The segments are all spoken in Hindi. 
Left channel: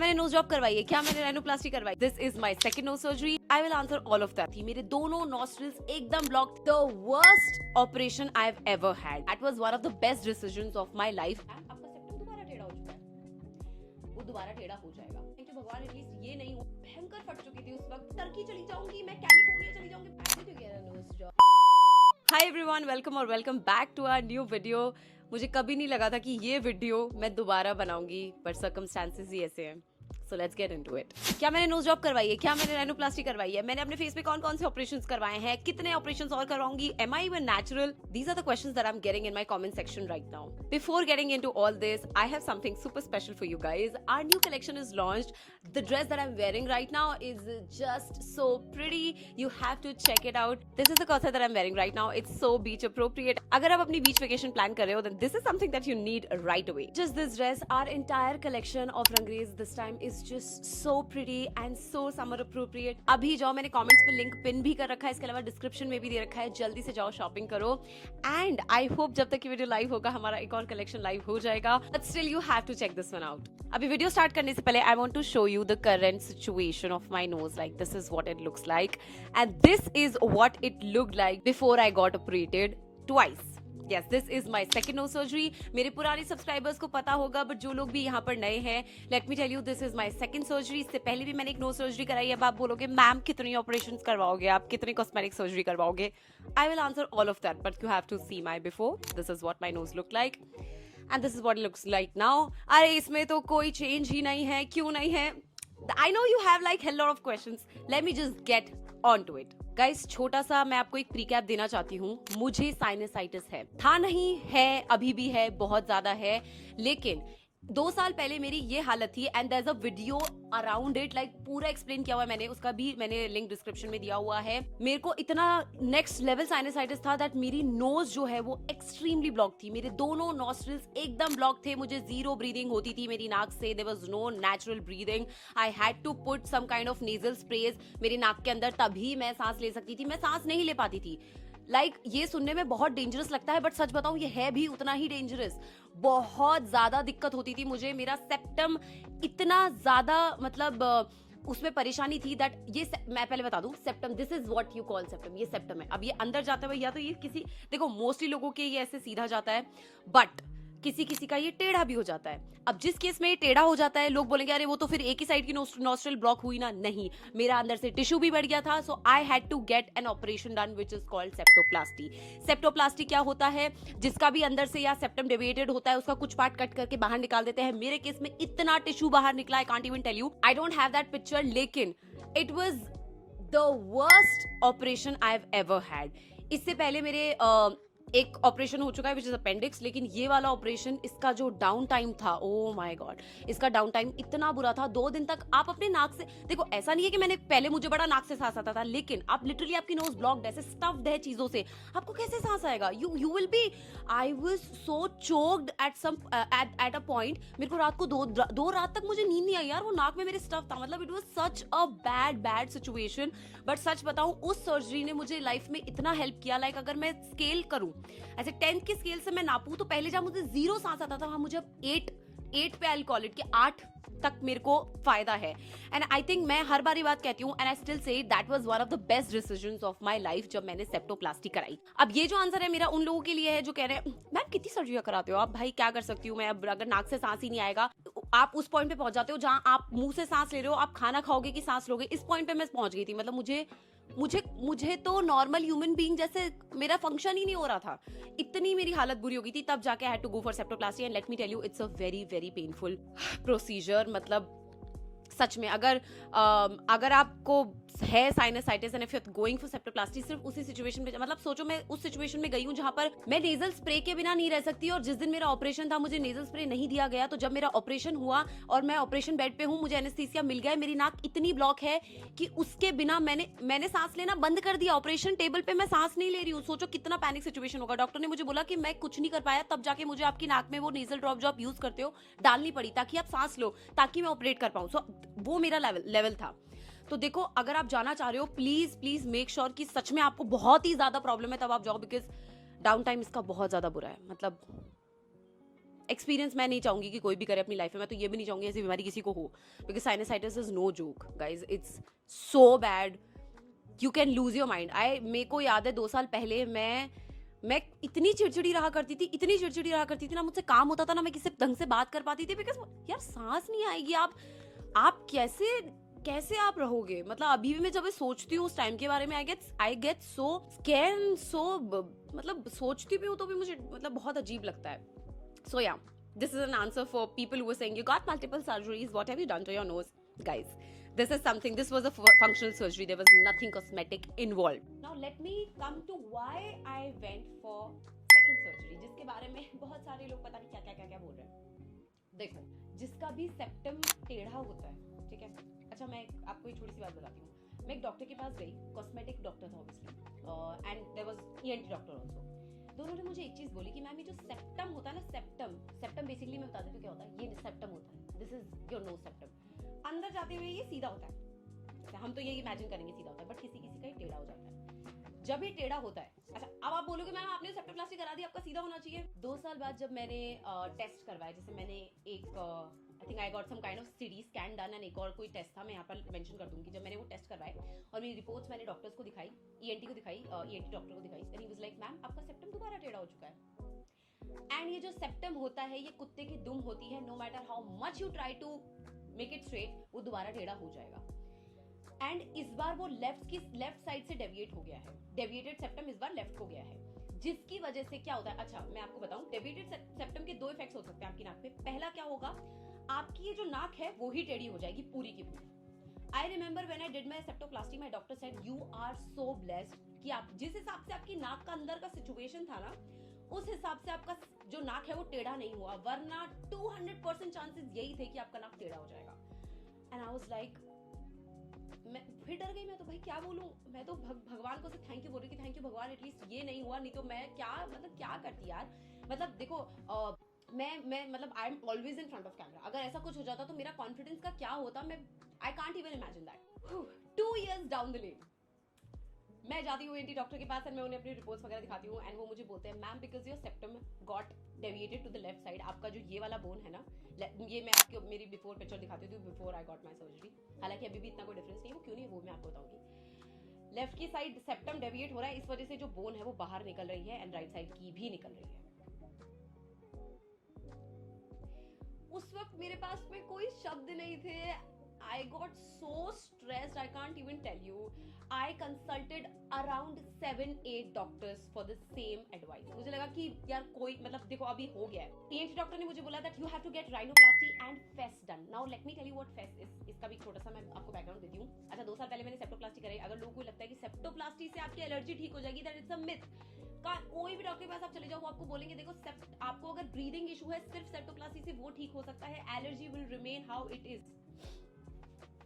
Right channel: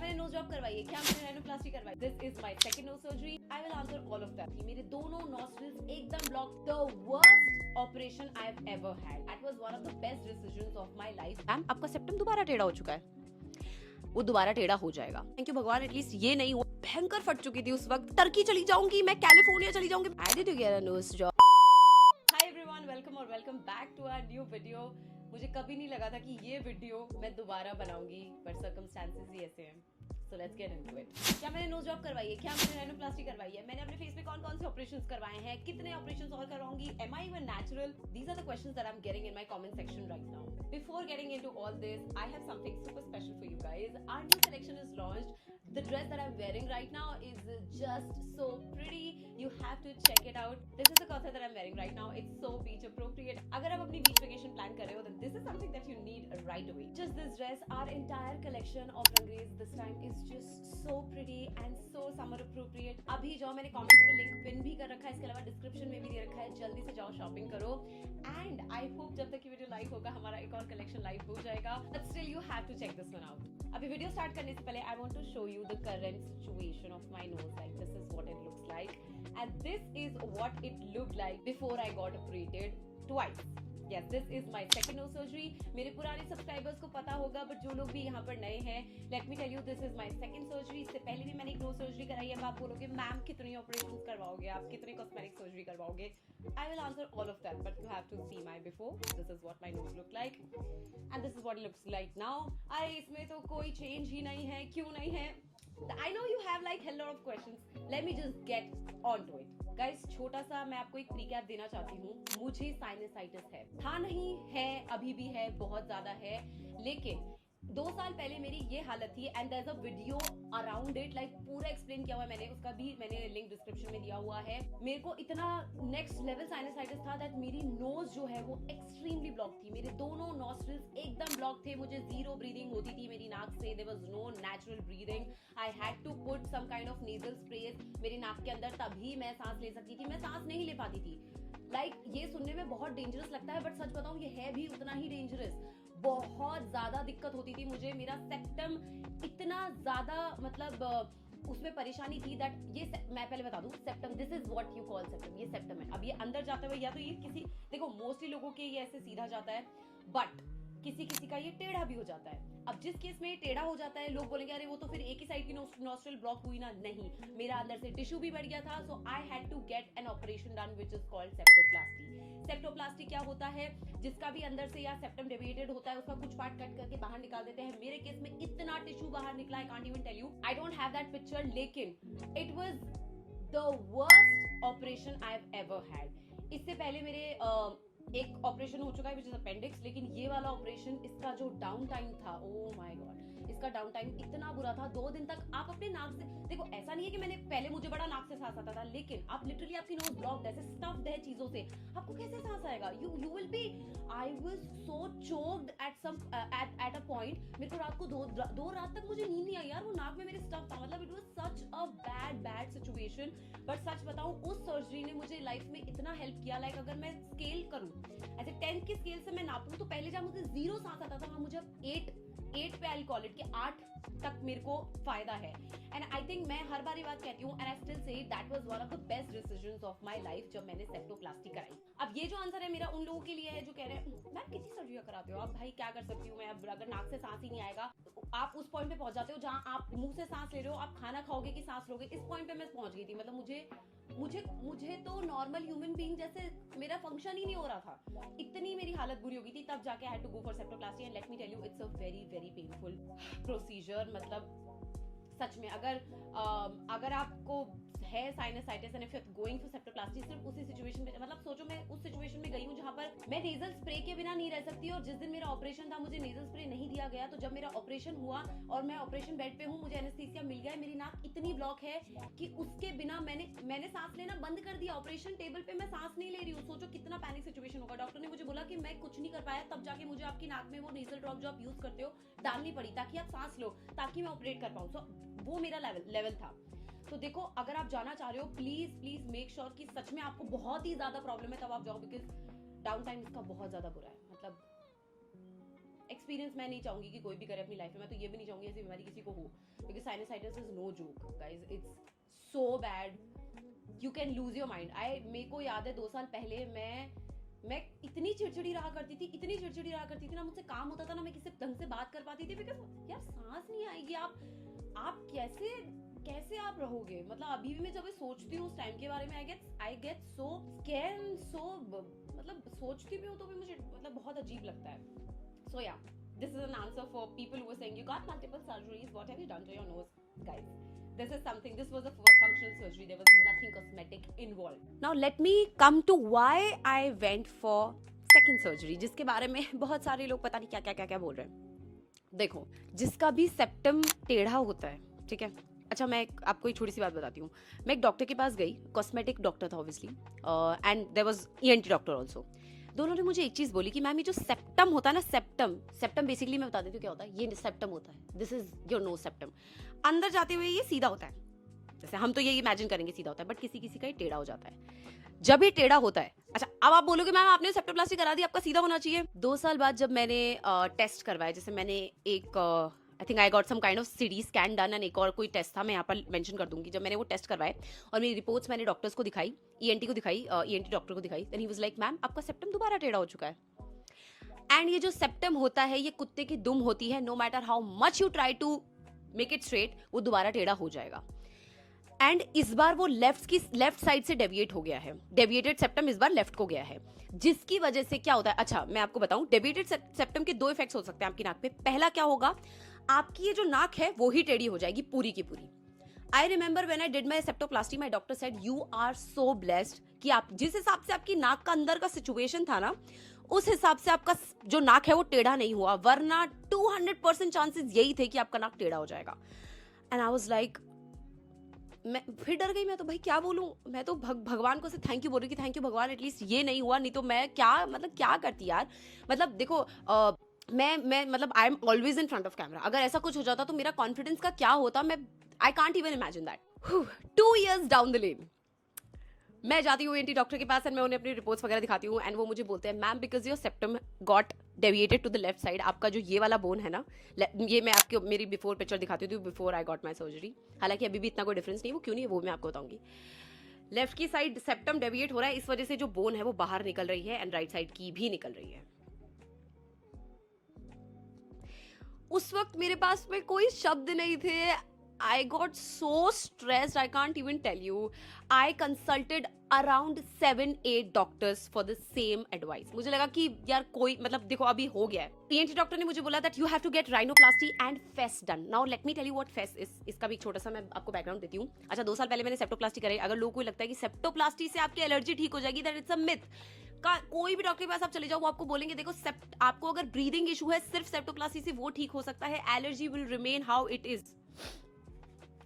मैंने नोज जॉब करवाई है, क्या मैंने राइनोप्लास्टी करवाई? This is my second nose surgery. I will answer all of that. मेरे दोनों नॉस्ट्रल्स एकदम block. The worst operation I have ever had. That was one of the best decisions of my life. Ma'am, आपका सेप्टम दोबारा टेढ़ा हो चुका है, वो दोबारा टेढ़ा हो जाएगा। थैंक यू भगवान, एटलीस्ट ये नहीं हो। भयंकर फट चुकी थी उस वक्त। टर्की चली जाऊंगी, मैं कैलिफोर्निया चली जाऊंगी। I did get a nose job. Hi everyone, welcome और welcome back to our new video. मुझे कभी नहीं लगा था कि ये वीडियो मैं दोबारा बनाऊंगी, पर सर्कमस्टेंसेस ही ऐसे हैं। So let's get into it. क्या मैंने नोज जॉब करवाई है, क्या मैंने राइनोप्लास्टी करवाई है, मैंने अपने फेस पे कौन कौन से ऑपरेशंस करवाए हैं, कितने ऑपरेशंस और करवाऊंगी, am I even natural? These are the questions that I'm getting in my comment section right now. Before getting into all this, I have something super special for you guys. Our new collection is launched. The dress that I'm wearing right now is just so pretty. You have to check it out. This is the corset that I'm wearing right now. It's so beach appropriate. अगर आप अपनी beach vacation plan कर रहे हो, then this is something that you need right away. Just this dress, our entire collection of Rangreez this time is just so pretty and so summer appropriate. अभी जाओ, मैंने comments पे link pin भी कर रखा है, इसके अलावा description में भी दे रखा है। जल्दी से जाओ shopping करो। And I hope जब तक ये वीडियो लाइव होगा हमारा एक और collection लाइव हो जाएगा। But still you have to check this one out. अभी वीडियो स्टार्ट करने से पहले I want to show you the current situation of my nose. Like this is what it looks like, and this is what it looked like before I got operated twice. Yes, this is my second nose surgery. मेरे पुराने सब्सक्राइबर्स को पता होगा, बट जो लोग भी यहाँ पर नए हैं, let me tell you, this is my second surgery. इससे पहले भी मैंने एक नोज सर्जरी कराई है। अब आप बोलोगे मैम कितनी ऑपरेशंस करवाओगे आप, कितनी कॉस्मेटिक सर्जरी करवाओगे? I will answer all of that, but you have to see my before. This is what my nose look like and this is what it looks like now. अरे इसमें तो कोई चेंज ही नहीं है, क्यों नहीं है? I know you have like hell lot of questions. Let me just get on to it. Guys, छोटा सा मैं आपको एक प्रीकैप देना चाहती हूँ। मुझे साइनसाइटिस है, था नहीं है, अभी भी है, बहुत ज्यादा है। लेकिन 2 साल पहले मेरी ये हालत थी and there is a video around it, like पूरा एक्सप्लेन किया हुआ है मैंने, उसका भी मैंने लिंक डिस्क्रिप्शन में दिया हुआ है। मेरे को इतना नेक्स्ट लेवल साइनसाइटिस था दैट मेरी नोज जो है वो एक्सट्रीमली ब्लॉक थी। मेरे दोनों नॉस्ट्रल्स एकदम ब्लॉक थे। मुझे जीरो ब्रीदिंग होती थी मेरी नाक से। There was no natural breathing. I had to put some kind of nasal sprays मेरी नाक के अंदर, तभी मैं सांस ले सकती थी। मैं सांस नहीं ले पाती थी। ये सुनने में बहुत डेंजरस लगता है, बट सच बताऊं ये है भी उतना ही डेंजरस। बहुत ज्यादा दिक्कत होती थी मुझे। मेरा सेप्टम इतना ज्यादा उसमें परेशानी थी दैट मैं पहले बता दूं, septum, this is what you call septum. ये सेप्टम है। अब ये अंदर जाते हुए या तो ये किसी, देखो मोस्टली लोगों के ये ऐसे सीधा जाता है, बट किसी किसी का ये टेढ़ा भी हो जाता है। अब जिस केस में ये टेढ़ा हो जाता है, लोग बोलेंगे अरे वो तो फिर एक ही साइड की नॉस्ट्रल ब्लॉक हुई ना। नहीं, मेरा अंदर से टिश्यू भी बढ़ गया था। So I had to get an operation done which is called septoplasty. Septoplasty क्या होता है? जिसका भी अंदर से या सेप्टम डेविएटेड होता है, उसका कुछ पार्ट कट करके बाहर निकाल देते हैं। मेरे केस में इतना टिश्यू बाहर निकला, I can't even tell you. I don't have that picture, लेकिन it was the worst operation I have ever had. इससे पहले मेरे एक ऑपरेशन हो चुका है विच इज अपेंडिक्स, लेकिन ये वाला ऑपरेशन, इसका जो डाउन टाइम था, ओ माय गॉड, इसका डाउन टाइम इतना बुरा था। 2 दिन तक आप अपने नाक से, देखो ऐसा नहीं है कि मैंने पहले मुझे बड़ा नाक से सांस आता था, लेकिन आप लिटरली आपकी नोज ब्लॉक्ड है, स्टफ्ड है चीजों से, आपको कैसे सांस आएगा? You will be, I was so choked at a point. मेरे को रात को दो रात तक मुझे नींद नहीं आई यार, वो नाक में मेरे स्टफ था। मतलब it was such a bad situation. But सच बताऊं, उस सर्जरी ने मुझे लाइफ में इतना हेल्प किया। अगर मैं स्केल करूं, ऐसे 10th की स्केल से मैं नापूं, तो पहले जब मुझे 0 सांस आता था, वहां मुझे अब 8 पे आई कॉल इट कि 8 तक मेरे को फायदा है। एंड आई थिंक मैं हर बार ये बात कहती हूँ, and I still say that was one of the best decisions of my life जब मैंने सेप्टोप्लास्टी कराई। अब ये जो आंसर है मेरा उन लोगों के लिए है जो कह रहे हैं मैम कितनी सर्जरी कराते हो आप, भाई क्या कर सकती हूँ मैं, अब अगर नाक से सांस ही नहीं आएगा। आप उस पॉइंट पे पहुंच जाते हो जहां आप मुंह से सांस ले रहे हो, आप खाना खाओगे कि सांस लोगे, इस पॉइंट पे मैं पहुंच गई थी। मतलब मुझे तो नॉर्मल ह्यूमन बीइंग जैसे मेरा फंक्शन ही नहीं हो रहा था, इतनी मेरी हालत बुरी हो गई थी। तब जाके I had to go for septoplasty and let me tell you, it's a very very painful procedure. मतलब सच में अगर आपको है sinusitis and if you are going for septoplasty, सिर्फ उसी सिचुएशन में, मतलब सोचो मैं उस सिचुएशन में गई हूं जहां पर मैं नेजल स्प्रे के बिना नहीं रह सकती। और जिस दिन मेरा ऑपरेशन था मुझे नेजल स्प्रे नहीं दिया गया। तो जब मेरा ऑपरेशन हुआ और मैं ऑपरेशन बेड पे हूं, मुझे एनेस्थीसिया मिल गया है, मेरी नाक इतनी ब्लॉक है कि उसके बिना मैंने सांस लेना बंद कर दिया। ऑपरेशन टेबल पे मैं सांस नहीं ले रही हूँ। सोचो कितना पैनिक सिचुएशन होगा। डॉक्टर ने मुझे बोला कि मैं कुछ नहीं कर पाया, तब जाके मुझे आपकी नाक में वो नेजल ड्रॉप जो आप यूज करते हो डालनी पड़ी ताकि आप सांस लो, ताकि मैं ऑपरेट कर पाऊं। सो वो मेरा लेवल था। तो देखो, अगर आप जाना चाह रहे हो, प्लीज मेक श्योर कि सच में आपको बहुत ही ज्यादा प्रॉब्लम है, तब आप जाओ, बिकॉज डाउन टाइम इसका बहुत ज्यादा बुरा है। मतलब एक्सपीरियंस मैं नहीं चाहूंगी कि कोई भी करे अपनी लाइफ में, मैं तो ये भी नहीं चाहूंगी ऐसी बीमारी किसी को हो, because sinusitis is no joke guys, it's so bad, you can lose your mind. मेरे को याद है 2 साल पहले मैं इतनी चिड़चिड़ी रहा करती थी ना, मुझसे काम होता था ना, मैं किसी ढंग से बात कर पाती थी, बिकॉज यार सांस नहीं आएगी, आप कैसे आप रहोगे। मतलब अभी भी मैं जब सोचती हूँ उस टाइम के बारे में, आई गेट सो स्कैर्ड, सो मतलब सोचती भी हूँ तो भी मुझे मतलब बहुत अजीब लगता है। सो या, this is an answer for people who were saying you got multiple surgeries, what have you done to your nose? Guys, this is something, this was a functional surgery, there was nothing cosmetic involved. Now let me come to why I went for second surgery, जिसके बारे में बहुत सारे लोग पता नहीं क्या बोल रहे हैं। देखो, जिसका भी सेप्टम टेढ़ा होता है, ठीक है, अच्छा मैं आपको एक छोटी सी बात बताती हूँ। मैं एक डॉक्टर के पास गई, कॉस्मेटिक डॉक्टर था obviously, and there was ENT doctor also. दोनों ने मुझे एक चीज बोली कि मैम ये जो सेप्टम होता है ना, सेप्टम बेसिकली मैं बता देती हूँ क्या होता है। ये सेप्टम होता है, this is your nose septum. अंदर जाते हुए ये सीधा होता है, जैसे हम तो ये इमेजिन करेंगे सीधा होता है, बट किसी का ये टेढ़ा हो जाता है। जब ये टेढ़ा होता है, अच्छा अब आप बोलोगे मैम आपने सेप्टोप्लास्टी करा दी, आपका सीधा होना चाहिए। 2 साल बाद जब मैंने टेस्ट करवाया, जैसे मैंने एक I think I got some kind of CT scan done, and एक और कोई टेस्ट था, मैं यहाँ पर मेंशन कर दूंगी। जब मैंने वो टेस्ट करवाए और मेरी रिपोर्ट्स मैंने डॉक्टर्स को दिखाई, ईएनटी को दिखाई, ईएनटी डॉक्टर को दिखाई, then he was like ma'am आपका सेप्टम दोबारा टेढ़ा हो चुका है। एंड ये जो सेप्टम होता है ये कुत्ते की दुम होती है, no matter how much you try to make it straight, वो दोबारा टेढ़ा हो जाएगा। एंड इस बार वो लेफ्ट साइड से डेविएट हो गया है, डेविएटेड सेप्टम इस बार लेफ्ट को गया है, जिसकी वजह से क्या होता है। अच्छा मैं आपको बताऊं, डेविएटेड सेप्टम के 2 इफेक्ट्स हो सकते हैं आपकी नाक पे। पहला क्या होगा, आपकी ये जो नाक है वो ही टेढ़ी हो जाएगी पूरी की पूरी। I remember when I did my septoplasty, my doctor said you are so blessed कि आप जिस हिसाब से आपकी नाक का अंदर का सिचुएशन था ना, उस हिसाब से आपका जो नाक है वो टेढ़ा नहीं हुआ, वरना 200% चांसेस यही थे कि आपका नाक टेढ़ा हो जाएगा। एंड आई वाज लाइक, मैं फिर डर गई। मैं तो भाई क्या बोलूं, मैं तो भगवान को से थैंक यू बोल रही कि थैंक यू भगवान, एटलीस्ट ये नहीं हुआ, नहीं तो मैं क्या करती यार। मतलब देखो मैं मतलब I am always in front of camera, अगर ऐसा कुछ हो जाता तो मेरा कॉन्फिडेंस का क्या होता, मैं आई can't even imagine that. 2 years down the lane मैं जाती हूँ एंटी डॉक्टर के पास, एंड मैं उन्हें अपनी रिपोर्ट्स वगैरह दिखाती हूँ, एंड वो मुझे बोलते हैं ma'am because your septum got deviated to the left side, आपका जो ये वाला बोन है ना, ये मैं आपको मेरी बिफोर पिक्चर दिखाती हूँ, before I got my surgery, हालांकि अभी भी इतना कोई डिफरेंस नहीं, वो क्यों नहीं है वो मैं आपको बताऊंगी। लेफ्ट की साइड सेप्टम डेविएट हो रहा है, इस वजह से जो बोन है वो बाहर निकल रही है, एंड राइट साइड की भी निकल रही है। उस वक्त मेरे पास में कोई शब्द नहीं थे। I got so stressed, I can't even tell you. I consulted around 7-8 doctors for the same advice. मुझे लगा कि यार कोई मतलब देखो अभी हो गया है। ENT डॉक्टर ने मुझे बोला that you have to get rhinoplasty and FES done. Now let me tell you what FES is. इसका भी एक छोटा सा मैं आपको बैकग्राउंड देती हूँ। अच्छा 2 साल पहले मैंने सेप्टोप्लास्टी कराई। अगर लोगों को लगता है कि सेप्टोप्लास्टी से आपकी एलर्जी ठीक हो जाएगी, that it's a myth. कोई भी डॉक्टर के पास आप चले जाओ, वो आपको बोलेंगे देखो आपको अगर ब्रीदिंग इशू है सिर्फ सेप्टोप्लास्टी से वो ठीक हो सकता है, allergy will remain how it is.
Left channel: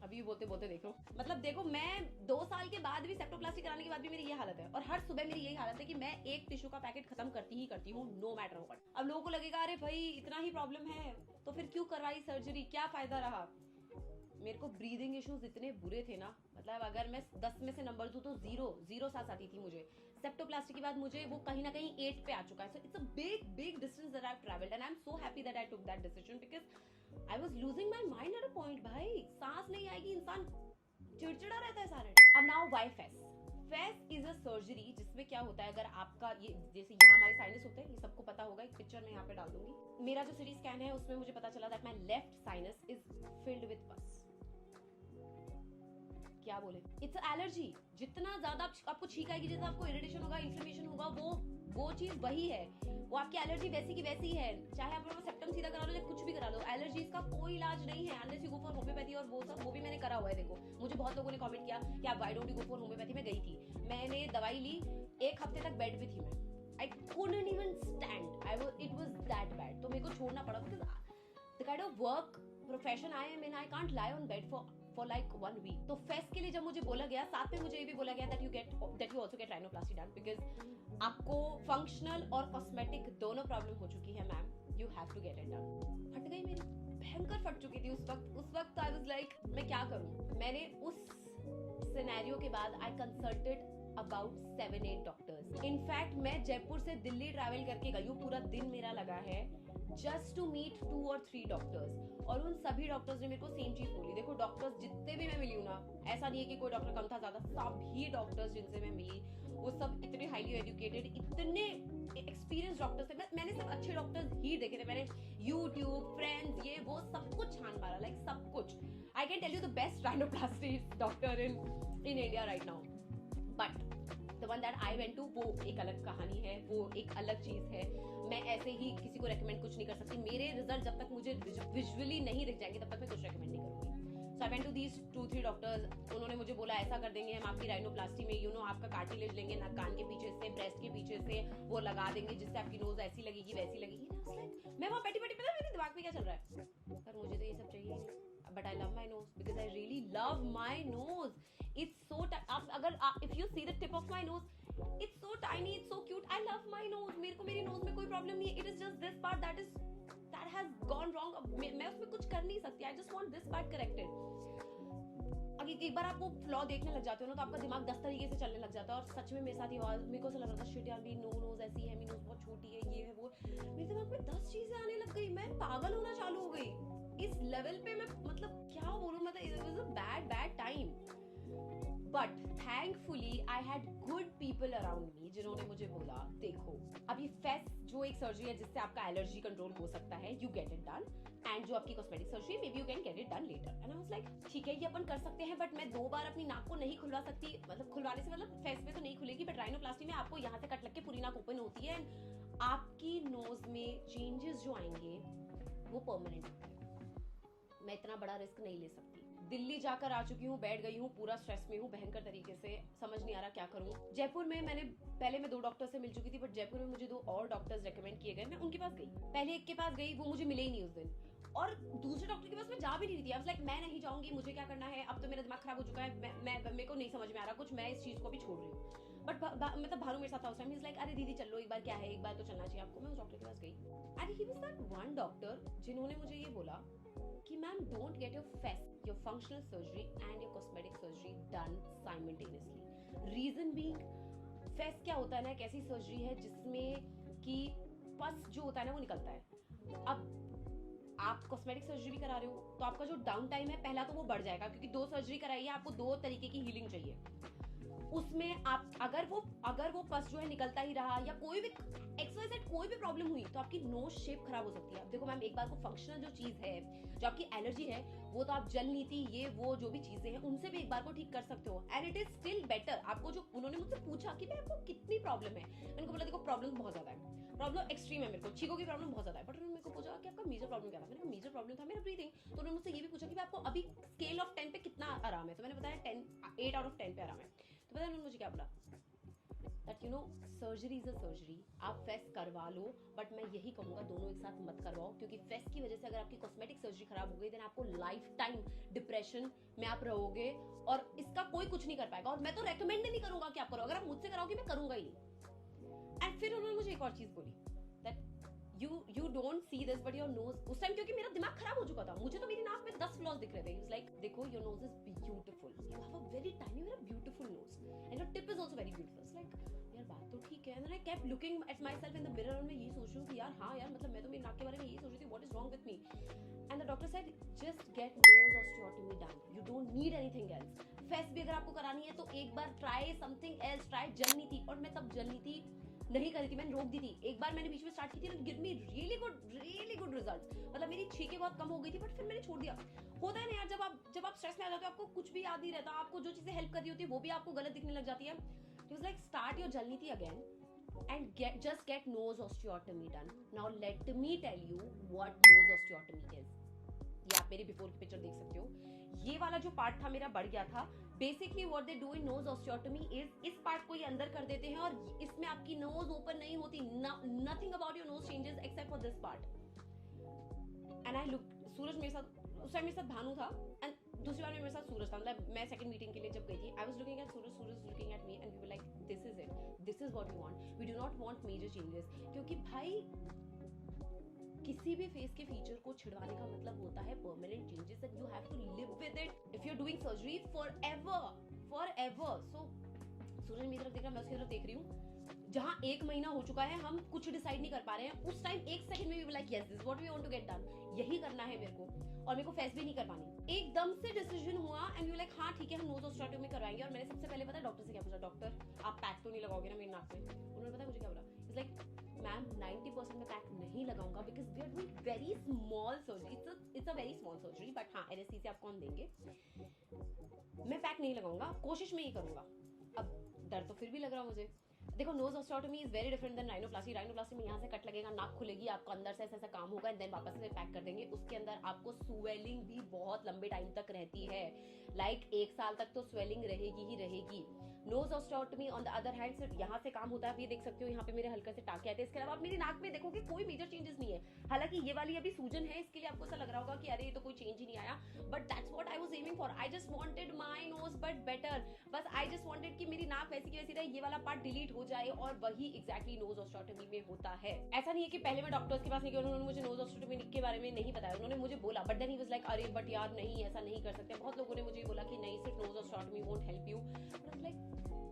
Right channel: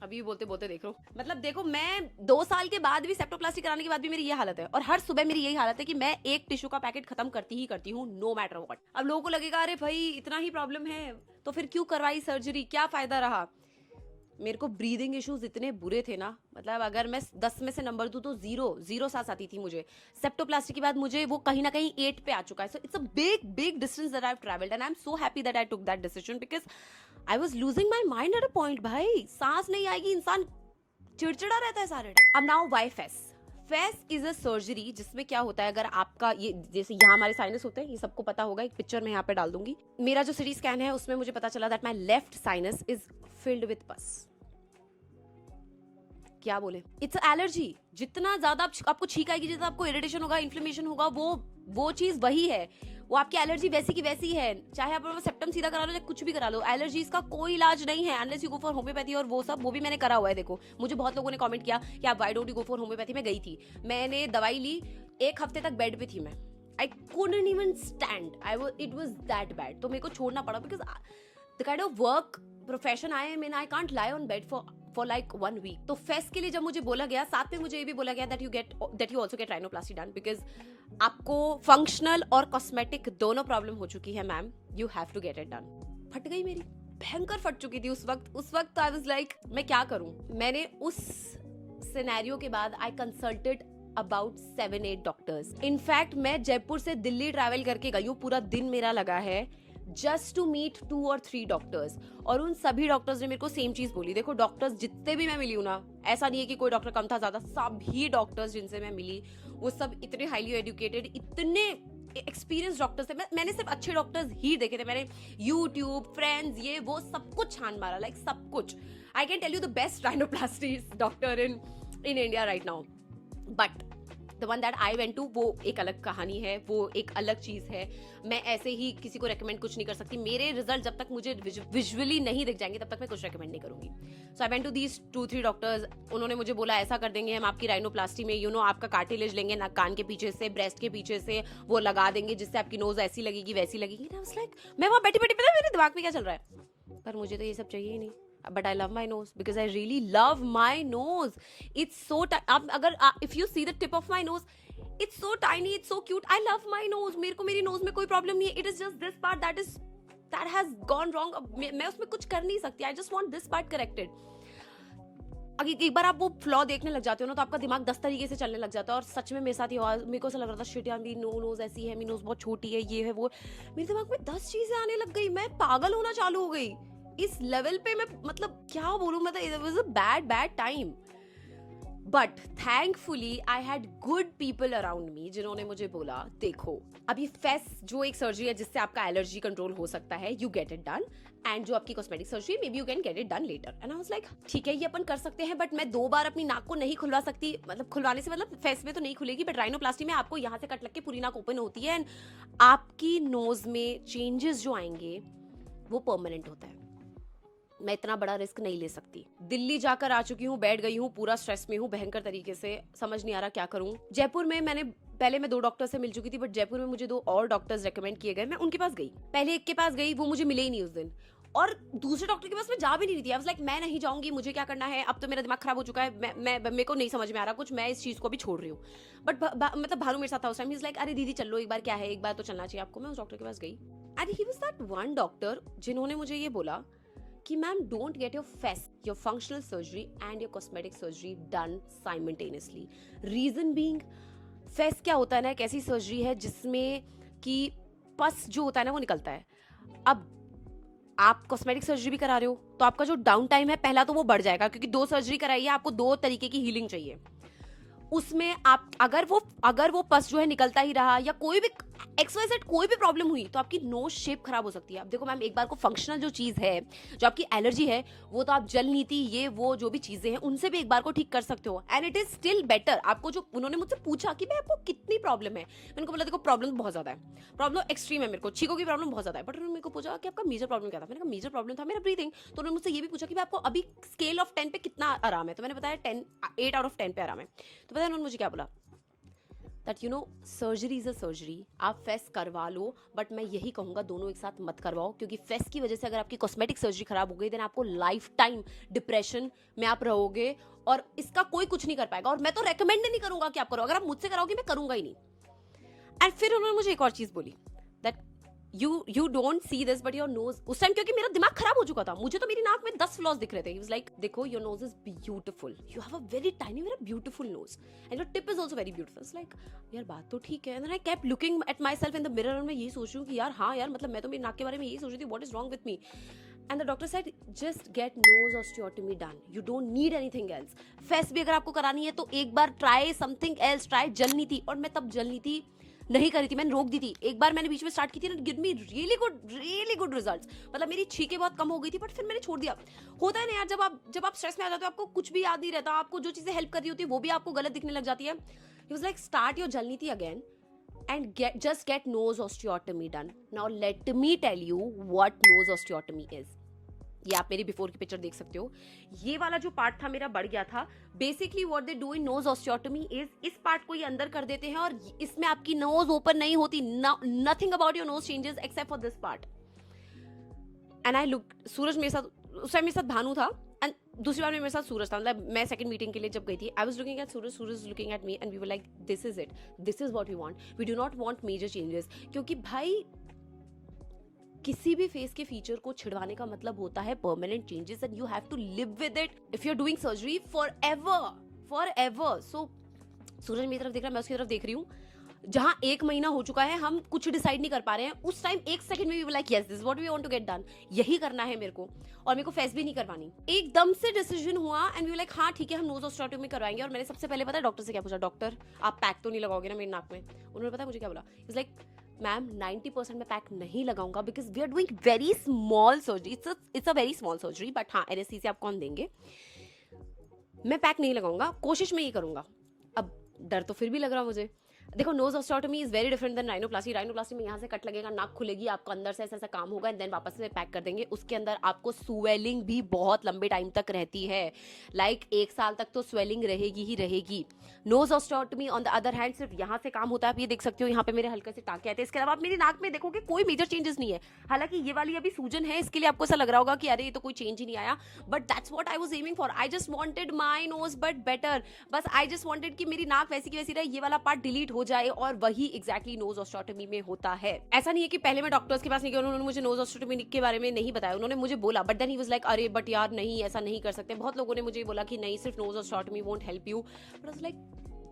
अभी बोलते बोलते देख लो, मतलब देखो मैं 2 साल के बाद भी सेप्टोप्लास्टी कराने के बाद भी मेरी ये हालत है, और हर सुबह मेरी यही हालत है कि मैं एक टिश्यू का पैकेट खत्म करती हूँ नो मैटर व्हाट। अब लोगों को लगेगा अरे भाई इतना ही प्रॉब्लम है तो फिर क्यों करवाई सर्जरी, क्या फायदा रहा। मेरे को ब्रीदिंग इश्यूज इतने बुरे थे ना, मतलब अगर मैं 10 में से नंबर दूं तो 0 सांस आती थी मुझे। सेप्टोप्लास्टी के बाद मुझे वो कहीं ना कहीं 8 पे आ चुका है। So it's a big distance that I have travelled, and I am so happy that I took that decision because I was losing my mind at a point. भाई सांस नहीं आएगी, इंसान चिड़चिड़ा रहता है सारे टाइम। अब now why face is a surgery जिसमें क्या होता है, अगर आपका ये जैसे यहाँ हमारे साइनस होते हैं, ये सबको पता होगा, एक पिक्चर में यहाँ पे डाल दूंगी। मेरा जो सिटी स्कैन है उसमें मुझे पता चला that my left sinus is filled with पस। क्या बोले, इट्स एलर्जी। जितना ज्यादा आपको छींक आएगी, जितना आपको इरिटेशन होगा, इन्फ्लेमेशन होगा, वो चीज वही है, वो आपकी एलर्जी वैसी की वैसी है। चाहे आप सेप्टम सीधा करा लो या कुछ भी करा लो, एलर्जीज का कोई इलाज नहीं है unless you go for homeopathy, और वो भी मैंने करा हुआ है। देखो मुझे बहुत लोगों ने कमेंट किया कि आप why don't you go for homeopathy. मैं गई थी, मैंने दवाई ली, 1 हफ्ते तक बेड पे थी मैं। I couldn't even stand, it was that bad. तो मेरे को छोड़ना पड़ा because the kind of work profession I am in, I can't lie on bed for like 1 week. तो फेस के लिए जब मुझे बोला गया, साथ में मुझे ये भी बोला गया that you also get rhinoplasty done because आपको फंक्शनल और कॉस्मेटिक दोनों प्रॉब्लम हो चुकी है ma'am, you have to get it done. फट गई मेरी, भयंकर फट चुकी थी उस वक्त आई वाज लाइक मैं क्या करूं। मैंने उस सिनेरियो के बाद I consulted about 7-8 doctors. In fact मैं जयपुर से दिल्ली ट्रैवल करके गई हूँ, पूरा दिन मेरा लगा है just to meet 2 or 3 doctors. और उन सभी डॉक्टर्स ने मेरे को सेम चीज बोली। देखो डॉक्टर्स जितने भी मैं मिली हूँ ना, ऐसा नहीं है कि कोई डॉक्टर कम था ज्यादा, सभी डॉक्टर्स जिनसे मैं मिली वो सब इतने हाईली एजुकेटेड, इतने एक्सपीरियंस डॉक्टर्स थे। मैंने सिर्फ अच्छे डॉक्टर्स ही देखे थे। मैंने यूट्यूब, फ्रेंड्स, ये वो सब कुछ छान मारा, लाइक सब कुछ। I can tell you the best rhinoplasty doctor in India right now, but the one that I went to, वो एक अलग कहानी है, वो एक अलग चीज है। मैं ऐसे ही किसी को रेकमेंड कुछ नहीं कर सकती। मेरे रिजल्ट जब तक मुझे विजुअली नहीं दिख जाएंगे तब तक मैं कुछ रेकमेंड नहीं करूंगी। So I went to these 2-3 doctors. उन्होंने मुझे बोला ऐसा कर देंगे हम आपकी राइनोप्लास्टी में, आपका कार्टिलेज लेंगे ना, कान के पीछे से, ब्रेस्ट के पीछे से वो लगा देंगे जिससे आपकी नोज ऐसी लगेगी वैसी लगेगी। मैं वहां बैठी बैठी, पता है मेरे दिमाग में क्या चल रहा है, पर मुझे तो ये सब चाहिए ही नहीं। But I love my nose because I really love my nose. It's so if you see the tip of my nose, it's so tiny, it's so cute. I love my nose. मेरे को मेरी nose में कोई problem नहीं है. It is just this part that has gone wrong. मैं उसमें कुछ कर नहीं सकती. I just want this part corrected. अगर एक बार आप वो फ्लॉ देखने लग जाते हो ना, तो आपका दिमाग 10 तरीके से चलने लग जाता है। और सच में मेरे साथ ये हुआ। मेरे को ऐसा लग रहा था शिट यार, मेरी नोज ऐसी है, मेरी नोज बहुत छोटी है, ये है वो। मेरे दिमाग में 10 चीजें आने लग गई। मैं पागल होना चालू हो गई इस लेवल पे। मैं मतलब क्या बोलूं, मतलब it was a bad time. But thankfully I had good people around me जिन्होंने मुझे बोला देखो अब ये फेस जो एक सर्जरी है जिससे आपका एलर्जी कंट्रोल हो सकता है, you get it done. And जो आपकी cosmetic surgery, maybe you can get it done later. And I was like ठीक है ये अपन कर सकते हैं, बट मैं 2 बार अपनी नाक को नहीं खुलवा सकती। मतलब खुलवाने से मतलब फेस में तो नहीं खुलेगी, बट राइनोप्लास्टी में आपको यहाँ से कट लग के पूरी नाक ओपन होती है। एंड आपकी नोज में चेंजेस जो आएंगे वो परमानेंट होता है। मैं इतना बड़ा रिस्क नहीं ले सकती। दिल्ली जाकर आ चुकी हूँ, बैठ गई हूँ, पूरा स्ट्रेस में हूँ भयंकर तरीके से, समझ नहीं आ रहा क्या करूँ। जयपुर में पहले मैं 2 डॉक्टर से मिल चुकी थी, बट जयपुर में मुझे 2 और डॉक्टर्स रेकमेंड किए गए। मैं उनके पास गई, पहले एक के पास गई, वो मुझे मिले ही नहीं उस दिन। और दूसरे डॉक्टर के पास मैं जा भी नहीं रही थी। आई वाज लाइक मैं नहीं जाऊंगी, मुझे क्या करना है, अब तो मेरा दिमाग खराब हो चुका है, मैं मेरे को नहीं समझ में आ रहा कुछ, मैं इस चीज को भी छोड़ रही हूँ। बट मतलब भानु मेरे साथ था उस टाइम। ही इज लाइक अरे दीदी चलो एक बार, क्या है एक बार तो चलना चाहिए आपको। मैं उस डॉक्टर के पास गई and he was that one doctor जिन्होंने मुझे ये बोला कि ma'am don't get your face, your functional surgery and your cosmetic surgery done simultaneously. Reason being, face क्या होता है ना, एक ऐसी सर्जरी है जिसमें कि पस जो होता है ना वो निकलता है। अब आप कॉस्मेटिक सर्जरी भी करा रहे हो तो आपका जो डाउन टाइम है पहला तो वो बढ़ जाएगा, क्योंकि 2 सर्जरी कराई है, आपको 2 तरीके की हीलिंग चाहिए। उसमें आप अगर वो पस जो है निकलता ही रहा या कोई भी XYZ कोई भी प्रॉब्लम हुई तो आपकी नोज शेप खराब हो सकती है। अब देखो मैम, एक बार को फंक्शनल जो चीज है, जो आपकी एलर्जी है, वो तो आप जल नीति ये वो जो भी चीजें हैं उनसे भी एक बार को ठीक कर सकते हो। And it is still better. आपको जो उन्होंने मुझसे पूछा कि भाई आपको कितनी प्रॉब्लम है, मैंने उनको बोला देखो प्रॉब्लम बहुत ज्यादा है, प्रॉब्लम एक्सट्रीम है, मेरे को छींकों की प्रॉब्लम बहुत ज्यादा है। बट उन्होंने मेरे को पूछा कि आपका मेजर प्रॉब्लम क्या था। मैंने कहा मेजर प्रॉब्लम था मेरा ब्रीथिंग। तो उन्होंने मुझसे ये भी पूछा कि आपको अभी स्केल ऑफ 10 पे कितना आराम है। तो मैंने बताया 8 आउट ऑफ 10 पे आराम है। तो पता है उन्होंने मुझे क्या बोला, that surgery is a surgery, आप फेस करवा लो, बट मैं यही कहूंगा दोनों एक साथ मत करवाओ, क्योंकि फेस की वजह से अगर आपकी कॉस्मेटिक सर्जरी खराब हो गई देन आपको लाइफ टाइम डिप्रेशन में आप रहोगे और इसका कोई कुछ नहीं कर पाएगा। और मैं तो रेकमेंड नहीं करूंगा कि आप करो, अगर आप मुझसे कराओगे मैं करूंगा ही नहीं। एंड फिर उन्होंने मुझे एक और चीज बोली, that you don't see this but your nose, उस टाइम क्योंकि मेरा दिमाग खराब हो चुका था, मुझे तो मेरी नाक में 10 फ्लॉस दिख रहे थे। He was like देखो your nose is beautiful, you have a very tiny very beautiful nose and your tip is also very beautiful. It's like यार बात तो ठीक है। And then I kept looking at myself in the mirror और मैं यही सोच रही हूँ कि यार हाँ यार, मतलब मैं तो मेरी नाक के बारे में यही सोच रही थी, what is wrong with me? And the doctor said just get nose osteotomy done, you don't need anything else. Face भी अगर आपको करानी है तो एक बार try something else, try जल नीति। और मैं तब जल नीति नहीं करी थी, मैंने रोक दी थी। एक बार मैंने बीच में स्टार्ट की थी ना, give me really good results. मतलब मेरी छींकें बहुत कम हो गई थी, बट फिर मैंने छोड़ दिया। होता है ना यार, जब आप स्ट्रेस में आ जाते हो आपको कुछ भी याद नहीं रहता, आपको जो चीजें हेल्प कर रही होती है वो भी आपको गलत दिखने लग जाती है। He was like start your जलनीति again and just get nose osteotomy done. Now let me tell you what nose osteotomy is. ये आप मेरी बिफोर की पिक्चर देख सकते हो। ये वाला जो पार्ट था मेरा बढ़ गया था। Basically what they do in nose osteotomy is इस पार्ट को ये अंदर कर देते हैं और इसमें आपकी नोज ओपन नहीं होती। Nothing about your nose changes except for this part. And I look, Suraj मेरे साथ उस टाइम मेरे साथ भानु था एंड दूसरी बार में मेरे साथ सूरज था। मतलब मैं सेकंड मीटिंग के लिए जब गई थी, I was looking at Suraj looking at me and we were like this is it, this is what we want, we do not want major changes. क्योंकि भाई किसी भी फेस के फीचर को छिड़वाने का मतलब होता है permanent changes and you have to live with it if you are doing surgery for ever. So Suraj मेरी तरफ देख रहा है, मैं उसकी तरफ देख रही हूँ। जहाँ 1 महीना हो चुका है, हम कुछ डिसाइड नहीं कर पा रहे हैं, उस टाइम 1 सेकंड में भी like yes this what we want to get done, यही करना है मेरे को, और मेरे को फेस भी नहीं करवानी। एकदम से डिसीजन हुआ एंड वी लाइक हाँ ठीक है, हम नोज ऑस्टियोटॉमी करवाएंगे। और मैंने सबसे पहले पता है डॉक्टर से क्या पूछा, डॉक्टर आप पैक तो नहीं लगाओगे ना मेरी नाक में? उन्होंने पता है मुझे क्या बोला, इज लाइक मैम 90% में पैक नहीं लगाऊंगा because we are doing very small surgery, it's a very small surgery, but हाँ एनेस्थीसिया आप कौन देंगे, मैं पैक नहीं लगाऊंगा, कोशिश में ही करूंगा। अब डर तो फिर भी लग रहा मुझे। देखो nose osteotomy is very different than rhinoplasty. Rhinoplasty में यहाँ से कट लगेगा, नाक खुलेगी, आपको अंदर से ऐसा ऐसा काम होगा एंड देन वापस से पैक कर देंगे। उसके अंदर आपको स्वेलिंग भी बहुत लंबे टाइम तक रहती है, लाइक 1 साल तक तो स्वेलिंग रहेगी ही रहेगी। Nose osteotomy on the other hand सिर्फ यहाँ से काम होता है, आप ये देख सकते हो यहाँ पे मेरे हल्के से टाके आते हैं, इसके अलावा आप मेरी नाक में देखोगे कोई मेजर चेंजेस नहीं है। हालांकि ये वाली अभी सूजन है, इसके लिए आपको ऐसा लग रहा होगा कि अरे ये तो कोई चेंज ही नहीं आया, but that's what I was aiming for. I just wanted my knows but better, बस आई जस्ट वांटेड कि मेरी नाक वैसी की वैसी रहे, ये वाला पार्ट डिलीट हो जाए, और वही एग्जैक्टली नोज ऑस्टियोटॉमी में होता है। ऐसा नहीं है कि पहले मैं डॉक्टर्स के पास नहीं गया, उन्होंने मुझे नोज ऑस्टियोटॉमी के बारे में नहीं बताया, उन्होंने मुझे बोला, but then he was like अरे बट यार नहीं ऐसा नहीं कर सकते। बहुत लोगों ने मुझे बोला कि नहीं सिर्फ nose osteotomy won't help you, but I was like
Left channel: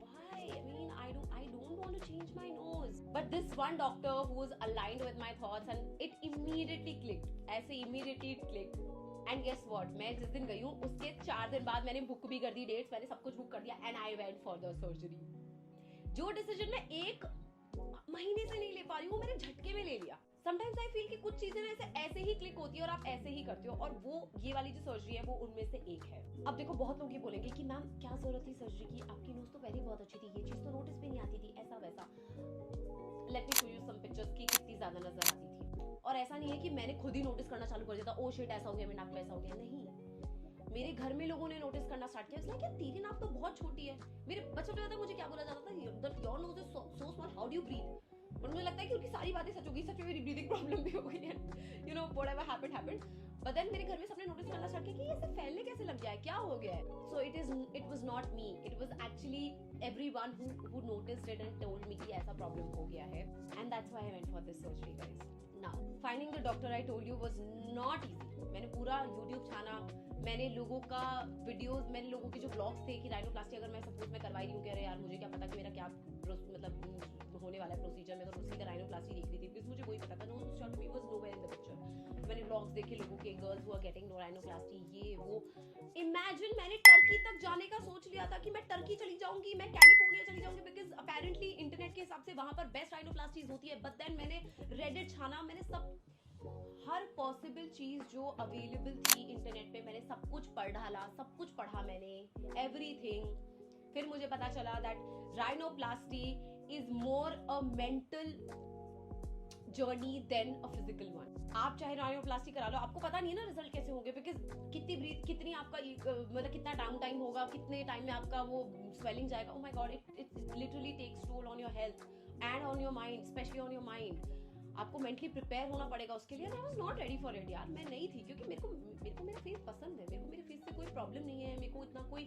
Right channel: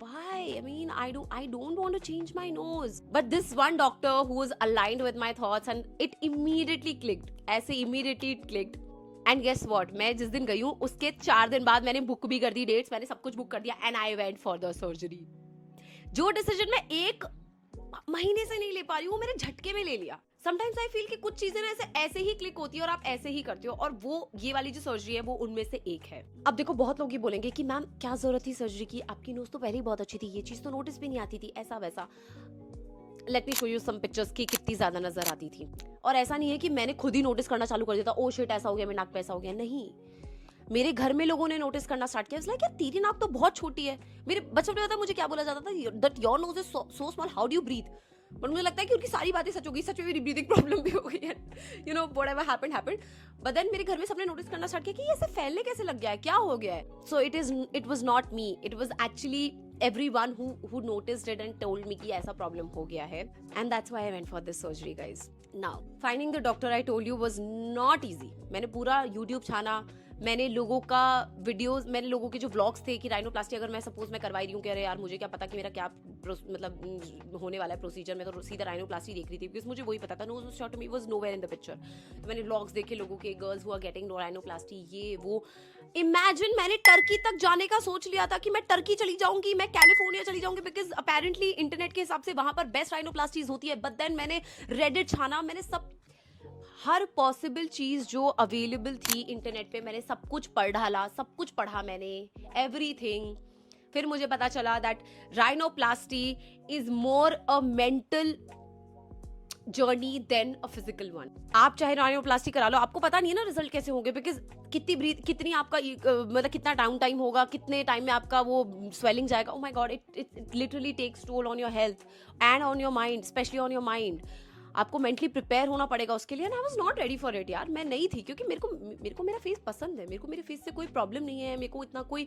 why? I mean, I don't want to change my nose. But this one doctor who was aligned with my thoughts and it immediately clicked. ऐसे immediately it clicked. And guess what? मैं जिस दिन गई हूँ उसके 4 दिन बाद मैंने बुक भी कर दी डेट्स, मैंने सब कुछ बुक कर दिया and I went for the surgery. जो डिसीजन मैं 1 महीने से नहीं ले पा रही हूँ, मैंने झटके में ले लिया। समटाइम्स आई फील कि कुछ चीजें ना ऐसे ही क्लिक होती है और आप ऐसे ही करते हो, और वो ये वाली जो सर्जरी है वो उनमें से एक है। अब देखो बहुत लोग ये बोलेंगे कि मैम क्या जरूरत थी सर्जरी की, आपकी नोज तो पहले ही बहुत अच्छी थी, ये चीज तो नोटिस भी नहीं आती थी, ऐसा वैसा। Let me show you some pictures की कितनी ज्यादा नजर आती थी। और ऐसा नहीं है कि मैंने खुद ही नोटिस करना चालू कर दिया था, ओ शिट ऐसा हो गया, मेरे नाक पे ऐसा हो गया, नहीं। मेरे घर में लोगों ने नोटिस करना स्टार्ट किया, लाइक यार तेरी नाक तो बहुत छोटी है। मेरे बचपन में पता है मुझे क्या बोला जाता था, that your nose is so small, how do you breathe. But मुझे लगता है कि उनकी सारी बातें सच हो गई, सच में मेरी ब्रीदिंग प्रॉब्लम भी हो गई है, you know whatever happened. But then मेरे घर में सबने नोटिस करना स्टार्ट किया कि ये ऐसे फैलने कैसे लग गया है, क्या हो गया है। So it was not me, it was actually everyone who noticed it and told me कि ऐसा प्रॉब्लम हो गया है, and that's why I went for this surgery guys. Now finding the doctor I told you was not easy. मैंने पूरा YouTube छाना, मैंने लोगों का वीडियोस, मैंने लोगों के जो व्लॉग्स थे कि राइनोप्लास्टी अगर मैं सपोज मैं करवाई रही हूँ कि अरे यार मुझे क्या पता कि मेरा क्या मतलब होने वाला है प्रोसीजर, में तो सीधा राइनोप्लास्टी देख रही थी बिकॉज मुझे वही पता था, nose osteotomy was nowhere in the picture. मैंने व्लॉग्स देखे लोगों के, girls who are getting rhinoplasty, ये वो। इमेजिन मैंने टर्की तक जाने का सोच लिया था कि मैं टर्की चली जाऊंगी, मैं कैलिफोर्निया चली जाऊंगी, बिकॉज अपेरेंटली इंटरनेट के हिसाब से वहां पर बेस्ट राइनोप्लास्टीज होती है। बट देन मैंने रेडिट छाना, मैंने सब हर पॉसिबल चीज जो अवेलेबल थी इंटरनेट पे मैंने सब कुछ पढ़ डाला, सब कुछ पढ़ा मैंने, एवरीथिंग। फिर मुझे पता चला that rhinoplasty is more a mental journey than a physical one. आप चाहे राइनोप्लास्टी करा लो, आपको पता नहीं है ना रिजल्ट कैसे होंगे, बिकॉज कितनी आपका मतलब कितना डाउन टाइम होगा, कितने टाइम में आपका वो स्वेलिंग जाएगा। Oh my God, it literally takes toll on your health and on your mind, specially on your mind. आपको मेंटली प्रिपेयर होना पड़ेगा उसके लिए, and I was not ready for it यार, मैं नहीं थी, क्योंकि मेरे को मेरा फेस पसंद है, मेरे को मेरे फेस से कोई प्रॉब्लम नहीं है, मेरे को इतना कोई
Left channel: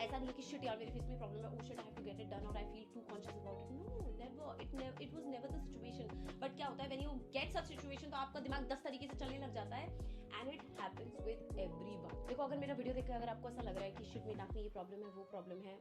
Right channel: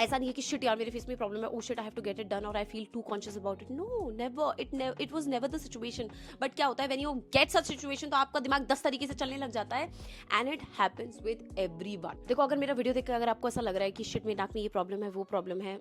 ऐसा नहीं है कि शिट यार मेरे फेस में प्रॉब्लम है, oh shit I have to get it done और I feel too conscious about it. No, never, it was never the situation. But क्या होता है when you get such situation, तो आपका दिमाग 10 तरीके से चलने लग जाता है, and it happens with everyone. देखो अगर मेरा वीडियो देखकर अगर आपको ऐसा लग रहा है कि शिट मेरे नाक में ये प्रॉब्लम है, वो प्रॉब्लम है,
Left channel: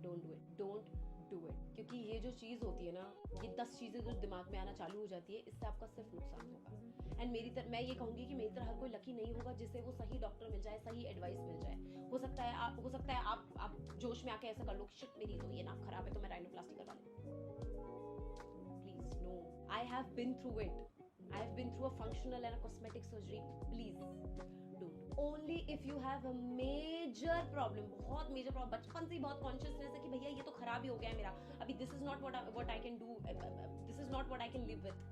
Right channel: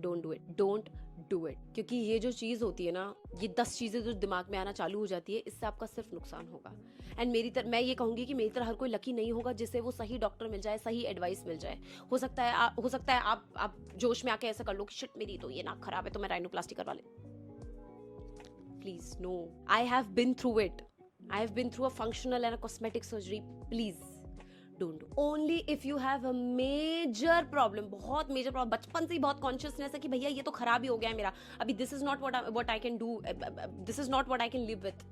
don't do it, don't do it. क्योंकि ये जो चीज़ होती है ना, ये 10 चीज़ें जो दिमाग में आना चालू हो जाती है, इससे आपका सिर्फ नुकसान होगा। एंड मैं ये कहूँगी कि मेरी तरह हर कोई लकी नहीं होगा जिससे वो सही डॉक्टर मिल जाए, सही एडवाइस मिल जाए। हो सकता है आप जोश में आके ऐसा कर लो कि शिट मेरी तो ये नाक खराब है तो मैं राइनोप्लास्टी करवा ले। Please no, I have been through it, I have been through a functional and a cosmetic surgery. Please don't do. Only if you have a major problem, बहुत मेजर प्रॉब्लम, बचपन से ही बहुत कॉन्शियसनेस है कि भैया ये तो खराब ही हो गया है मेरा, अभी this is not what I can do, this is not what I can live with,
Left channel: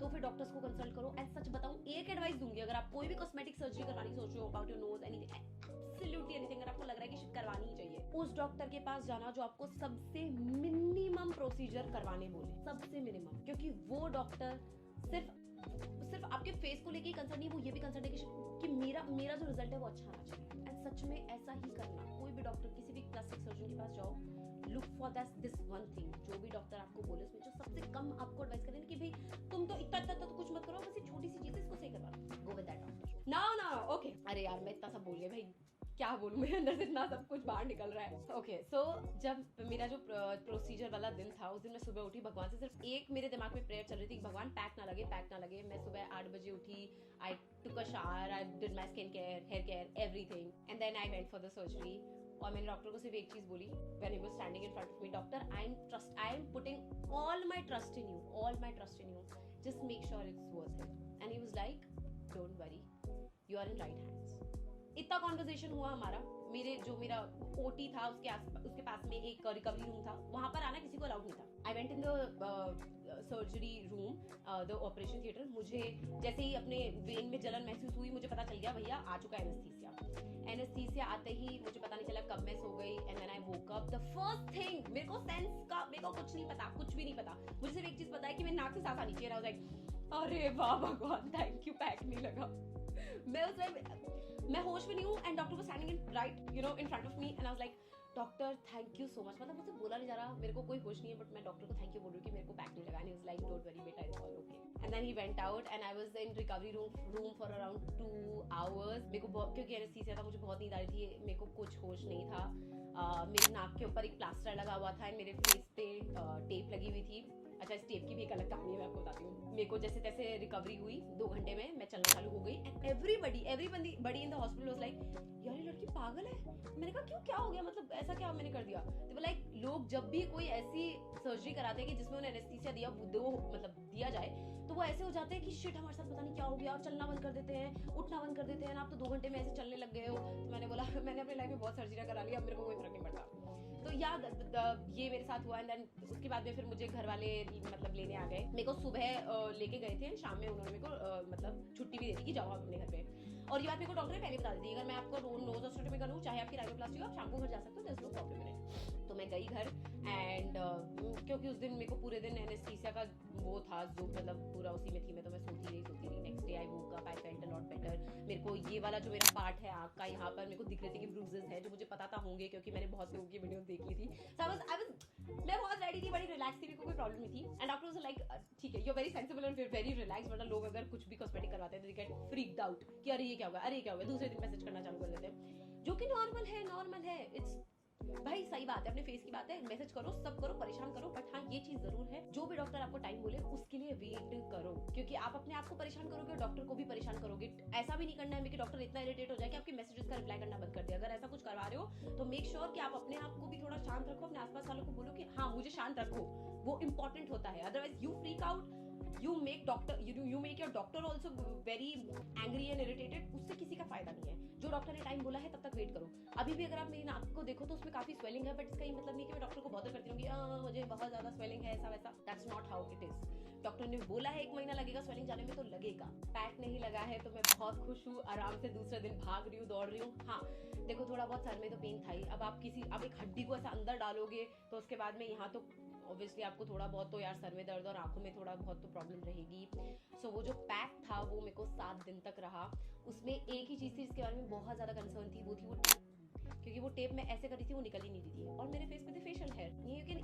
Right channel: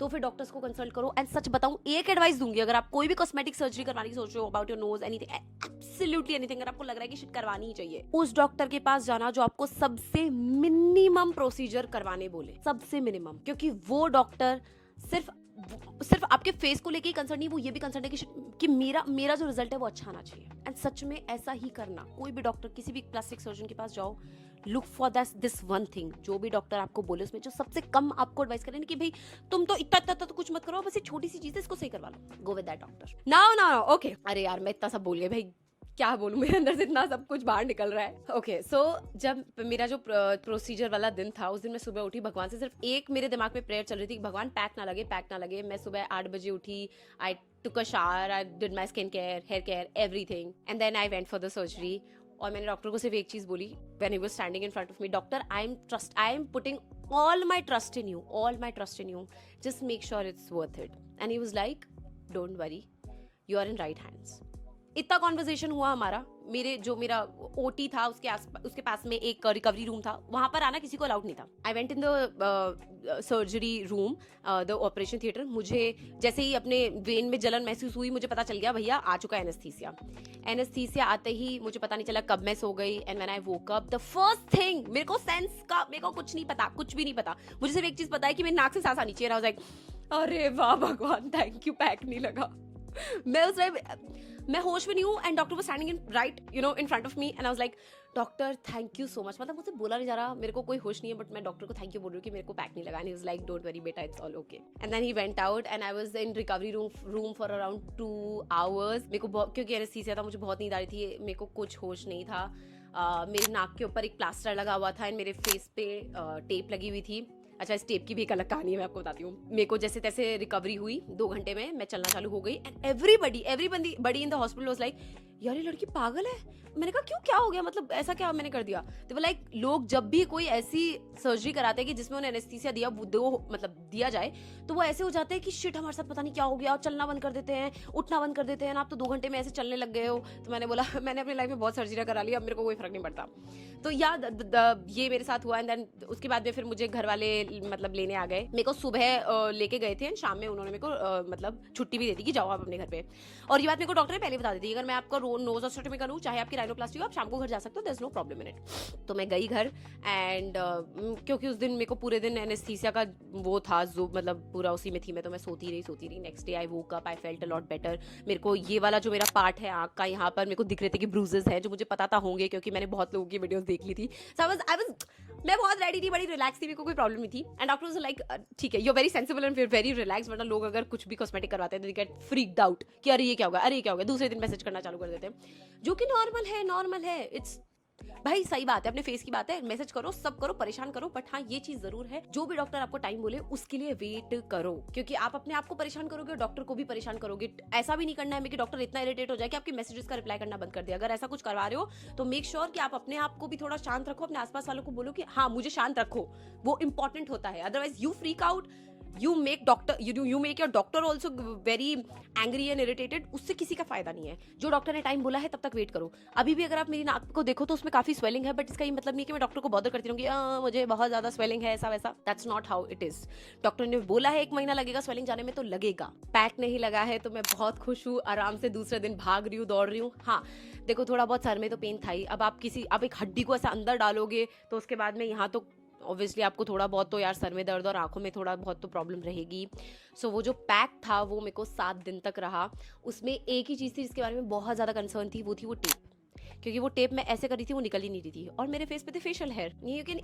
तो फिर डॉक्टर्स को कंसल्ट करो। एंड सच बताऊं, एक एडवाइस दूंगी, अगर आप कोई भी कॉस्मेटिक सर्जरी करवाने की सोच रहे हो, about your knows, anything, absolutely anything, अगर आपको लग रहा है कि शिट करवानी ही चाहिए, उस डॉक्टर के पास जाना जो आपको सबसे मिनिमम प्रोसीजर करवाने बोले, सबसे मिनिमम। क्योंकि वो डॉक्टर सिर्फ आपके फेस को लेके ही कंसर्न नहीं, वो ये भी कंसर्न है कि मेरा जो रिजल्ट है वो अच्छा आना चाहिए। एंड सच में ऐसा ही करना। कोई भी डॉक्टर, किसी भी प्लास्टिक सर्जन के पास जाओ, look for this one thing, जो भी डॉक्टर आपको बोले उसमें जो सबसे कम आपको एडवाइस करें कि भाई तुम तो इतना तो कुछ मत करो, बस ये छोटी सी चीज है, इसको सही करवा लो, go with that doctor. Now okay, अरे यार मैं इतना सब बोल गया भाई, क्या बोलूं, मेरे अंदर से इतना सब कुछ बाहर निकल रहा है। ओके सो जब मेरा जो प्रोसीजर वाला दिन था, उस दिन मैं सुबह उठी, भगवान से सिर्फ एक मेरे दिमाग में प्रेयर चल रही थी कि भगवान पैक ना लगे, पैक ना लगे। मैं सुबह 8 बजे उठी, I took a shower, I did my skin care, hair care, everything, and then I went for the surgery. और मैंने डॉक्टर को सिर्फ एक चीज बोली when he was standing in front of me, doctor I am putting all my trust in you, just make sure it's worth it. And he was like don't worry, you are in right hands. इतना कॉन्वर्सेशन हुआ हमारा। मेरा ओटी था, उसके पास में एक रिकवरी रूम था, वहां पर आना किसी को अलाउड नहीं था। I went in the surgery room, the operation theatre. मुझे जैसे ही अपने वेन में जलन महसूस हुई, मुझे पता चल गया भैया आ चुका है एनेस्थीसिया। आते ही मुझे पता नहीं चला कब मैं सो गई। And when I woke up, the first thing, मेरे को कुछ नहीं पता, कुछ भी नहीं पता। मुझे सिर्फ एक चीज पता है कि मेरी नाक से सांस आनी चाहिए। आई वाज लाइक अरे वाह भगवान, थैंक यू, पैक नहीं लगा। मैं होश में नहीं हूँ, and doctor was standing in front of me, and I was like doctor thank you so much. मतलब मुझसे बोला नहीं जा रहा, मेरे को कोई होश नहीं है, बट मैं डॉक्टर को थैंक यू बोल रही हूँ कि मेरे को पैक नहीं लगा। And he was like don't worry बेटा, it's all okay. And then he went out, and I was in recovery room for around 2 hours। मेरे को क्योंकि एनेस्थीसिया था, मुझे बहुत नींद आ रही थी, मेरे को कुछ होश नहीं था। मेरे नाक के ऊपर एक प्लास्टर लगा हुआ था, एंड मेरे फेस पे टेप लगी हुई थी। अच्छा, इस टेप की भी एक अलग कहानी है, मैं आपको बताती हूँ। मेरे को जैसे तैसे रिकवरी हुई, 2 घंटे में मैं चलना चालू हो गई। And everybody in the hospital was like यार ये लड़की पागल है। मैंने कहा क्यों, क्या हो गया, मतलब ऐसा क्या मैंने कर दिया? तो लाइक लोग जब भी कोई ऐसी सर्जरी कराते हैं कि जिसमें उन्हें एनेस्थीसिया दिया जाए, तो वो ऐसे हो जाते हैं कि शिट हमारे साथ पता नहीं क्या हो गया, चलना बंद कर देते हैं, उठना बंद कर देते हैं, आप तो 2 घंटे में ऐसे चलने लग गए हो। तो मैंने बोला मैंने अपनी लाइफ में बहुत सर्जरी करा ली, अब मेरे को कोई फर्क नहीं पड़ता। तो ये मेरे साथ हुआ। एंड देन उसके बाद में फिर मुझे घर वाले मतलब लेने आ गए। मेरे को सुबह लेके गए थे, शाम में उन्होंने मेरे को मतलब छुट्टी भी दे दी कि जाओ आप अपने घर पे। और ये बात मेरे को डॉक्टर ने पहले बता दी थी, अगर मैं आपका नोज ऑस्टोटमी में करूँ, चाहे आपकी राइनोप्लास्टी हो, आप शाम को घर जा सकते हो, there is no problem in it. तो मैं गई घर, एंड क्योंकि उस दिन मेरे को पूरे दिन एनेस्थीसिया का वो था, जो मतलब पूरा उसी में थी मैं, तो मैं सोती रही। Next day I woke up, I felt a lot better. मेरे को ये वाला जो मेरा पार्ट है आँख का, यहाँ पर मेरे को दिख रहे थे कि ब्रूजेस हैं, जो मुझे पता था होंगे क्योंकि मैंने बहुत लोगों की वीडियोस देख ली थी। मैं बहुत रेडी थी, बड़ी रिलैक्स थी, मेरे को कोई प्रॉब्लम नहीं थी। एंड डॉक्टर वाज लाइक ठीक है, you are very sensible and very relax. वरना लोग अगर कुछ भी कॉस्मेटिक करवाते हैं तो दे गेट फ्रीक्ड आउट कि अरे ये क्या होगा, दूसरे दिन मैसेज करना चालू कर देते हैं, जो कि नॉर्मल है। इट्स भाई सही बात है, अपने फेस की बात है, मैसेज करो, सब करो, परेशान करो, बट हाँ ये चीज जरूर है, जो भी डॉक्टर आपको टाइम बोले उसके लिए वेट करो, क्योंकि आप अपने आप को परेशान करोगे और डॉक्टर को भी परेशान करोगे। ऐसा भी नहीं करना है कि डॉक्टर इतना इरिटेट हो जाए कि आपके मैसेजेस का रिप्लाई करना बंद कर दे। अगर ऐसा कुछ करवा रहे हो तो मेक श्योर कि आप अपने आप को भी थोड़ा शांत रखो, अपने आसपास वालों को बोलो कि हाँ मुझे शांत रखो, वो इंपॉर्टेंट होता है। Otherwise you freak out, you make your doctor also very angry and irritated, उससे किसी का फायदा नहीं है। जो डॉक्टर ने टाइम बोला है तब तक वेट करो। अभी भी अगर आप मेरी नाक को देखो तो उसमें काफी स्वेलिंग है, बट इसका ये मतलब नहीं कि मैं डॉक्टर को बॉदर करती रहूंगी मुझे बहुत ज्यादा स्वेलिंग है, ऐसा वैसा। That's not how it is. Doctor ने बोला है 1 महीना लगेगा स्वेलिंग जाने में, तो लगेगा। पैक नहीं लगा है तो मैं बहुत खुश हूँ, आराम से दूसरे दिन भाग रही हूँ, दौड़ रही हूँ। हाँ देखो, थोड़ा बहुत सर में तो पेन था ही। अब आप एक हड्डी को ऐसा अंदर डालोगे तो उसके बाद में यहाँ तो ऑब्वियसली आपको थोड़ा बहुत तो यार सर में दर्द और आंखों में थोड़ा बहुत तो प्रॉब्लम रहेगी। सो वो जो पैक था वो मेरे को 7 दिन तक रहा। उसमें एक ही चीज़ थी जिसके बारे में बहुत ज़्यादा कंसर्न थी, वो थी वो टेप, क्योंकि वो टेप मैं ऐसे करी थी, वो निकल ही नहीं रही थी। और मेरे फेस पे थे facial hair. You can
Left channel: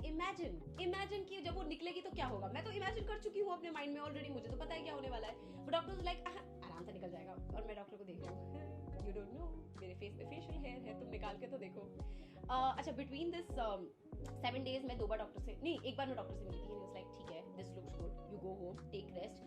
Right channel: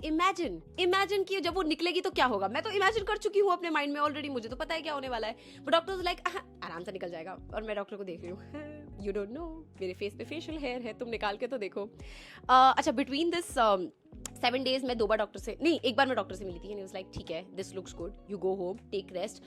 imagine कि जब वो निकलेगी तो क्या होगा। मैं तो इमेजिन कर चुकी हूँ अपने माइंड में ऑलरेडी, मुझे तो पता है क्या होने वाला है। बट डॉक्टर लाइक आराम से निकल जाएगा, और मैं डॉक्टर को देख रही हूँ यू डोंट नो मेरे फेस पे फेशियल हेयर है, तुम निकाल के तो देखो। अच्छा, बिटवीन दिस 7 days मैं 2 बार डॉक्टर से, नहीं 1 बार मैं डॉक्टर से मिली थी। एंड ही वाज लाइक ठीक है, this looks good, you go home, take rest.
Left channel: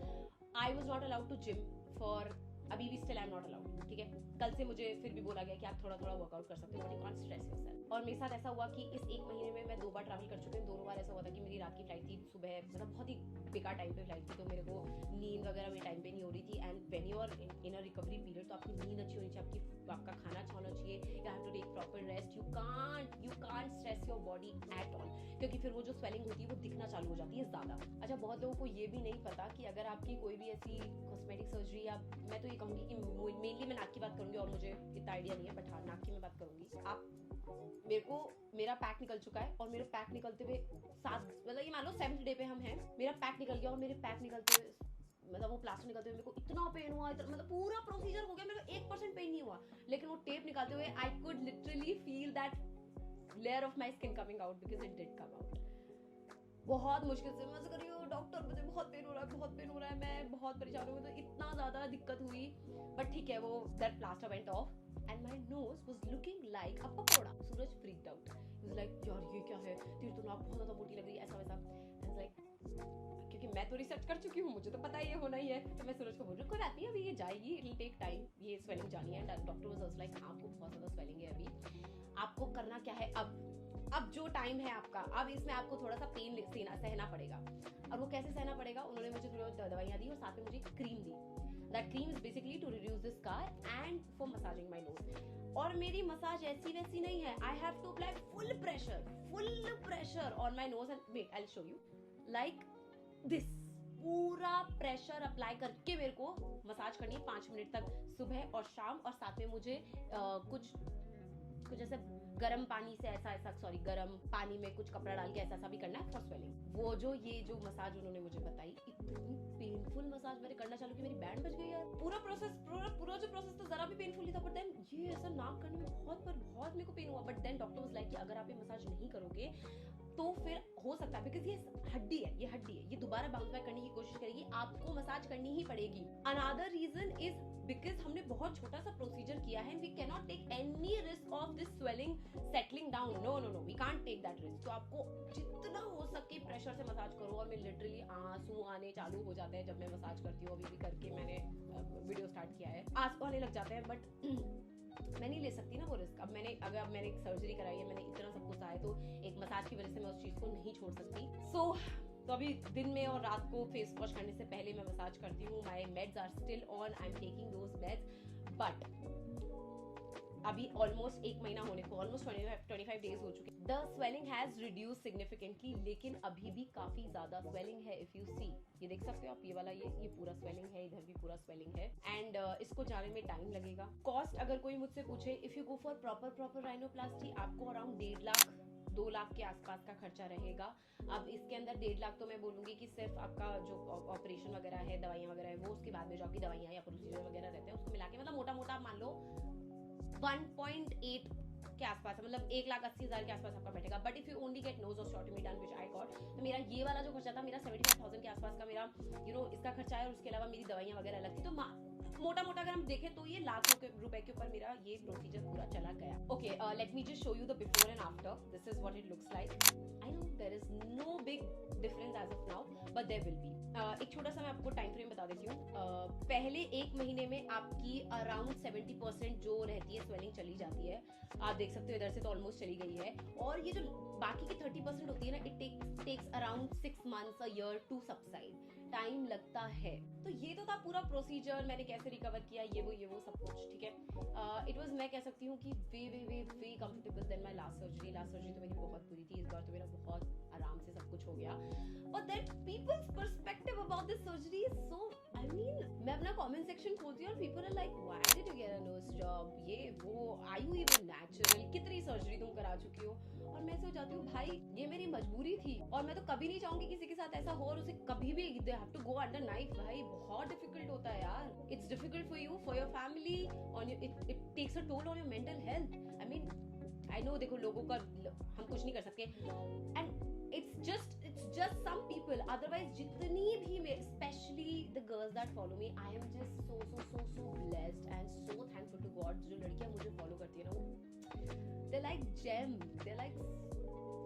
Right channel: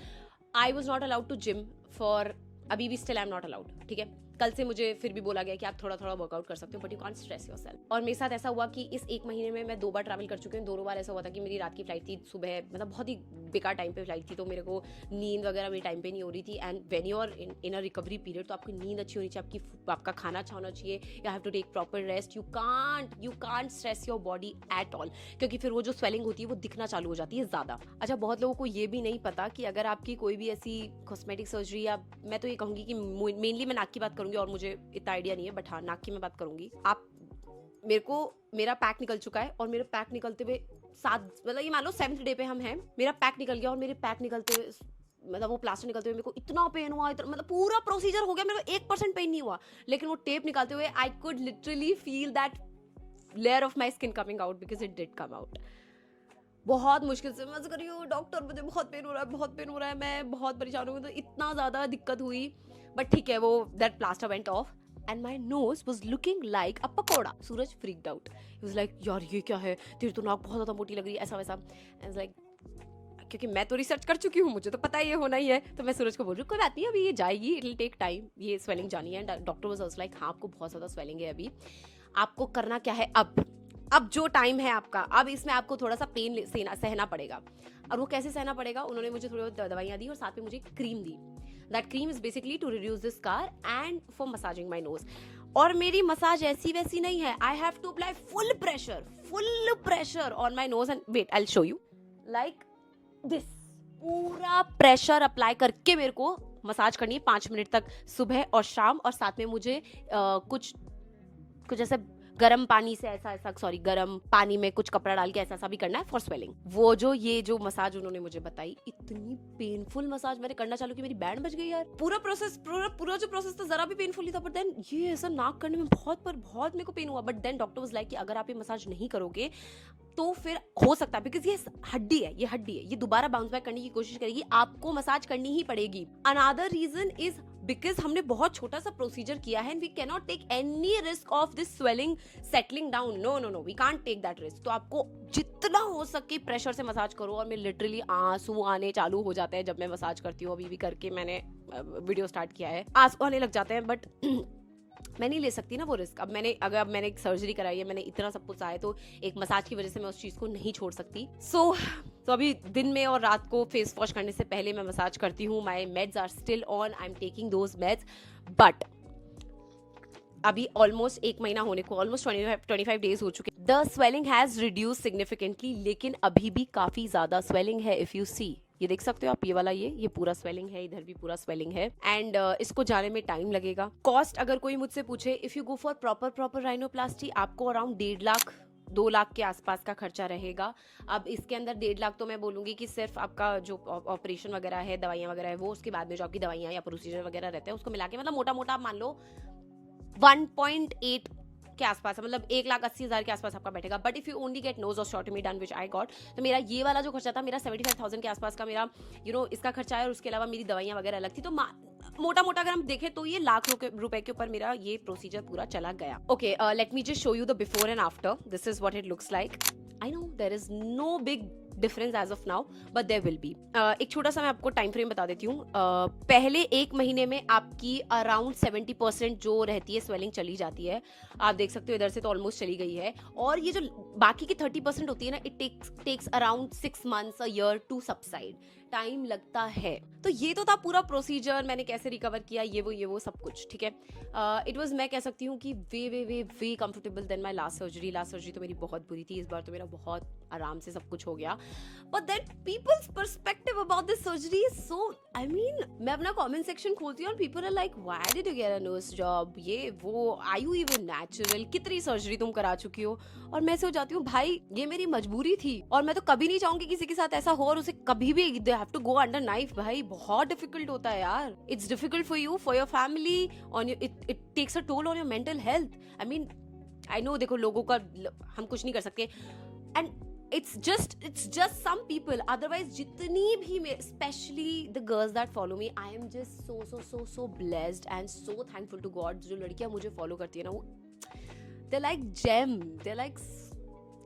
I was not allowed to gym for, अभी भी still I am not allowed, ठीक है। कल से मुझे फिर भी बोला गया कि आप थोड़ा वर्कआउट कर सकते हो, but you can't stress yourself. और मेरे साथ ऐसा हुआ कि इस 1 महीने में मैं 2 बार ट्रैवल कर चुकी हूँ। दोनों बार ऐसा हुआ था कि मेरी रात की फ्लाइट थी, सुबह मतलब बहुत ही बेकार टाइम पे फ्लाइट थी, तो मेरे को नींद वगैरह मेरी टाइम पे नहीं हो रही थी। And when you are in a recovery period, तो आपकी नींद अच्छी होनी चाहिए, आपका खाना अच्छा होना चाहिए, you have to take proper rest. You can't stress your body at all, क्योंकि फिर वो जो स्वेलिंग होती है वो दिखना चालू हो जाती है ज़्यादा। अच्छा, बहुत लोगों को ये भी नहीं पता कि अगर आपकी कोई भी ऐसी कॉस्मेटिक सर्जरी, या मैं तो ये कहूँगी कि मेनली मैं नाक की बात करूँगी, और मुझे इतना आइडिया नहीं है, बट हाँ नाक की मैं बात करूँगी। मेरा पैक निकल चुका है, और मेरे पैक निकलते हुए मतलब ये मान लो 7th डे पे हम हैं, मेरा पैक निकल गया, और मेरे पैक निकलते हुए मतलब वो प्लास्टर निकलते हुए मेरे को इतना पेन हुआ, मतलब पूरा प्रोसीजर हो गया, मेरे को 1% पेन नहीं हुआ, लेकिन वो टेप निकालते हुए I could literally feel that layer of my skin coming out, because it did come out. बहुत मुश्किल से मैं कर रही हूँ, डॉक्टर मुझे बहुत पेन हो रहा है, मैं बहुत परेशान हूँ, तो इतना ज़्यादा दिक्कत हुई। बट ठीक है, वो that plaster went of. and my nose was looking like a pakoda. Suraj freaked out. He was like, यार ये क्या है, तेरी तो नाक बहुत ज़्यादा मोटी लग रही है, ऐसा वैसा. I was like, क्योंकि मैं तो रिसर्च कर चुकी हूँ, मुझे तो पता ही ये होना ही है. तो मैं सूरज को बोल रही हूँ कोई बात नहीं, अभी ये जाएगी, इट विल टेक टाइम, ये स्वेलिंग जानी है. डॉक्टर वाज लाइक हाँ आपको बहुत ज़्यादा स्वेलिंग है अभी, आपको करना क्या है अब जो टाइम है आपका, अब इसमें आपको थोड़ा सा पेन सहना पड़ेगा. और वो कैसे सहना पड़ेगा, उन्होंने मुझे थोड़ी बहुत दवाइयाँ दी और साथ में मुझे क्रीम दी. That cream is basically to reduce this scar and for massaging my nose. और मेरी मसाज ऐसी वैसी नहीं है, I have to apply full pressure on my nose. And wait I will show you like this. पूरा प्रेशर अप्लाई करके मेरे को मसाज करनी है 5 मिनट तक, सुबह और शाम. और साथ में मुझे कुछ ऐसे गरम पानी से गरम पानी में कुछ कपड़ा डाल के ऐसा भी करना है फॉर स्वेलिंग. वो जो मसाज उन्होंने मुझे बताई, इतनी पेनफुल मसाज मैंने करना चालू की, मेरी बैंड बज गई यार. पूरा जो प्रोसेस था जरा भी पेनफुल नहीं था, बट देन ये ऐसा नाक करने में बहुत मेरे को पेन हुआ. But then doctor was like कि अगर आप ये मसाज नहीं करोगे तो फिर हो सकता है, बिकॉज ये हड्डी है, ये दोबारा बाउंस बैक करने की कोशिश करेगी, आपको मसाज करनी ही पड़ेगी. अनदर रीजन इज बिकॉज हमने बहुत छोटा सा प्रोसीजर किया है and we can not take any risk of this swelling settling down. No we can't take that risk. तो आपको जितना हो सके प्रेशर से मसाज करो. और मैं लिटरली आंसू आने चालू हो जाते हैं जब मैं मसाज करती हूँ. अभी भी करके मैंने वीडियो स्टार्ट किया है, आंसू आने लग जाते हैं. बट मैं नहीं ले सकती ना वो रिस्क. अब मैंने एक सर्जरी कराई है, मैंने इतना सब कुछ आया, तो एक मसाज की वजह से मैं उस चीज को नहीं छोड़ सकती. तो अभी दिन में और रात को फेस वॉश करने से पहले मैं मसाज करती हूँ. My meds are still on, I am taking those meds. But अभी ऑलमोस्ट 1 महीना होने को, ऑलमोस्ट 25 डेज हो चुके. The swelling has reduce significantly, लेकिन अभी भी काफी ज्यादा स्वेलिंग है. इफ यू सी, ये देख सकते हो आप, ये वाला ये पूरा स्वेलिंग है, इधर भी पूरा स्वेलिंग है. एंड इसको जाने में टाइम लगेगा. कॉस्ट अगर कोई मुझसे पूछे, if you go for proper rhinoplasty, आपको अराउंड 1.5 लाख 2 लाख के आसपास का खर्चा रहेगा. अब इसके अंदर 1.5 लाख तो मैं बोलूंगी कि सिर्फ आपका जो ऑपरेशन वगैरह है, दवाइयाँ वगैरह है वो, उसके बाद में जो आपकी दवाइयाँ या प्रोसीजर वगैरह रहते हैं उसको मिला के, मतलब मोटा आप मान लो 1.8 के आसपास है, मतलब 1,80,000 के आसपास आपका बैठेगा. But if you only get nose osteotomy done which I got, तो मेरा ये वाला जो खर्चा था, मेरा 75,000 के आसपास का मेरा इसका खर्चा है. और उसके अलावा मेरी दवाइयाँ वगैरह अलग थी. तो मोटा अगर हम देखें तो ये लाख रुपए के ऊपर मेरा ये प्रोसीजर पूरा चला गया. Okay, let me just show you the before and after. This is what it looks like. I know there is no big difference as of now, but there will be. एक छोटा सा मैं आपको टाइम फ्रेम बता देती हूँ. पहले 1 महीने में आपकी अराउंड 70% जो रहती है स्वेलिंग चली जाती है. आप देख सकते हो इधर से तो ऑलमोस्ट चली गई है. और ये जो बाकी की 30% होती है ना, it takes around 6 months, a year to subside. Time लगता है. तो ये तो था पूरा प्रोसीजर, मैंने कैसे रिकवर किया, ये वो सब कुछ. ठीक है, इट वाज, मैं कह सकती हूँ कि way comfortable than my last surgery तो मेरी बहुत बुरी थी. इस बार तो मेरा बहुत आराम से सब कुछ हो गया. But that people's perspective about this surgery is so, I mean, मैं अपना कमेंट सेक्शन खोलती हूँ और people are like, why did you get a nose job, ये वो, आर यू इवन नेचुरल, कितनी सर्जरी तुम करा चुकी हो. और मैं हो जाती हूँ, भाई ये मेरी मजबूरी थी और मैं तो कभी नहीं चाहूंगी किसी के साथ ऐसा हो और उसे कभी भी they have to go under knife. भाई बहुत डिफिकल्ट होता है यार. It's difficult for you, for your family, on it takes a toll on your mental health. I mean, I know, देखो लोगों का हम कुछ नहीं कर सकते. And it's just some people. Otherwise jitni bhi especially the girls that follow me, I am just so blessed and so thankful to God. जो लड़कियां मुझे फॉलो करती है ना, वो they're like gem, they're like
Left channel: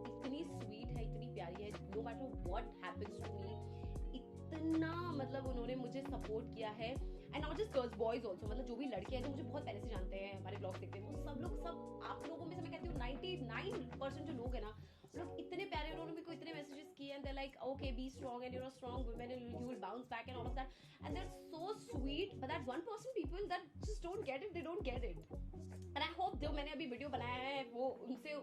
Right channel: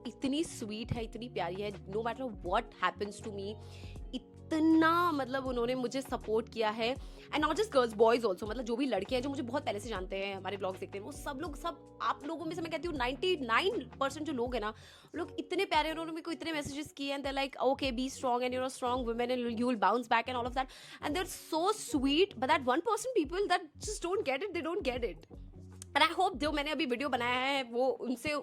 इतनी स्वीट है, इतनी प्यारी है. no matter what happens to me, इतना मतलब उन्होंने मुझे सपोर्ट किया है. And not just girls, boys also. मतलब जो भी लड़के हैं जो मुझे बहुत पहले से जानते हैं, हमारे ब्लॉग्स देखते हैं, वो सब आप लोगों में से मैं कहती हूँ 99% जो लोग हैं ना, लोग इतने प्यारे. उन्होंने मेरे को इतने मैसेजेस किए and they like, okay be strong and you are strong women and you will bounce back and all of that. And they are so sweet. But that 1% people that just don't get it, they don't get it. And I hope जो मैंने अभी वीडियो बनाया है वो उनसे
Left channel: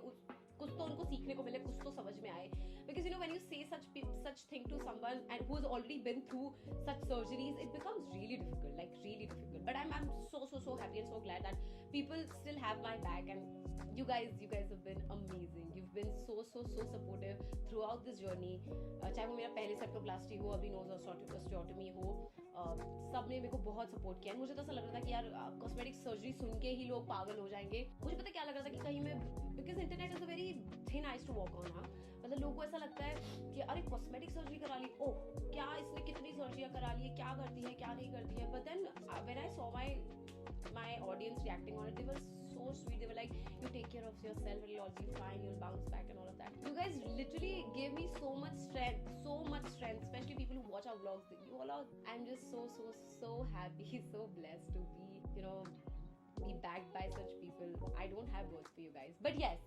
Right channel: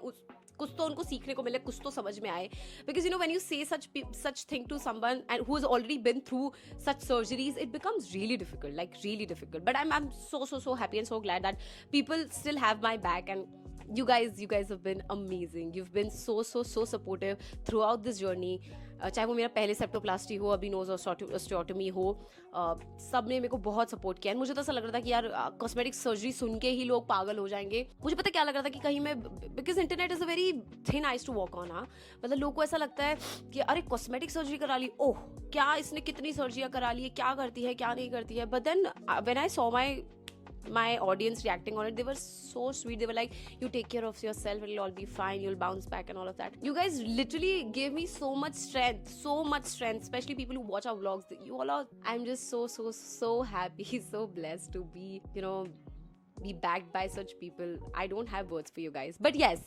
कुछ तो उनको सीखने को मिले, कुछ तो समझ में आए. Because you know when you से such thing to someone and who has already been through such surgeries, it becomes really difficult, like really difficult. But I'm so happy and so glad that people still have my back. And you guys have been amazing. You've been so supportive throughout this journey. चाहे वो मेरा पहले सेप्टोप्लास्टी हो, अभी नोज ऑस्टियोटॉमी हो, सब ने मेरे को बहुत सपोर्ट किया. मुझे तो ऐसा लग रहा था कि यार कॉस्मेटिक सर्जरी सुन के ही लोग पागल हो जाएंगे. मुझे पता क्या लग रहा था कि कहीं मैं, because internet is a very thin ice to walk on. हाँ, मतलब लोगों को ऐसा लगता है कि अरे कॉस्मेटिक सर्जरी करा ली, ओह क्या इसने कितनी सर्जरियाँ करा ली है, क्या करती है क्या नहीं करती है. But then when I saw my my audience reacting on it, they were so sweet. They were like, you take care of yourself, it'll all be fine, you'll bounce back and all of that. You guys literally gave me so much strength, especially people who watch our vlogs. You all are, I'm just so happy, so blessed to be, be backed by such people. I don't have words for you guys, but yes,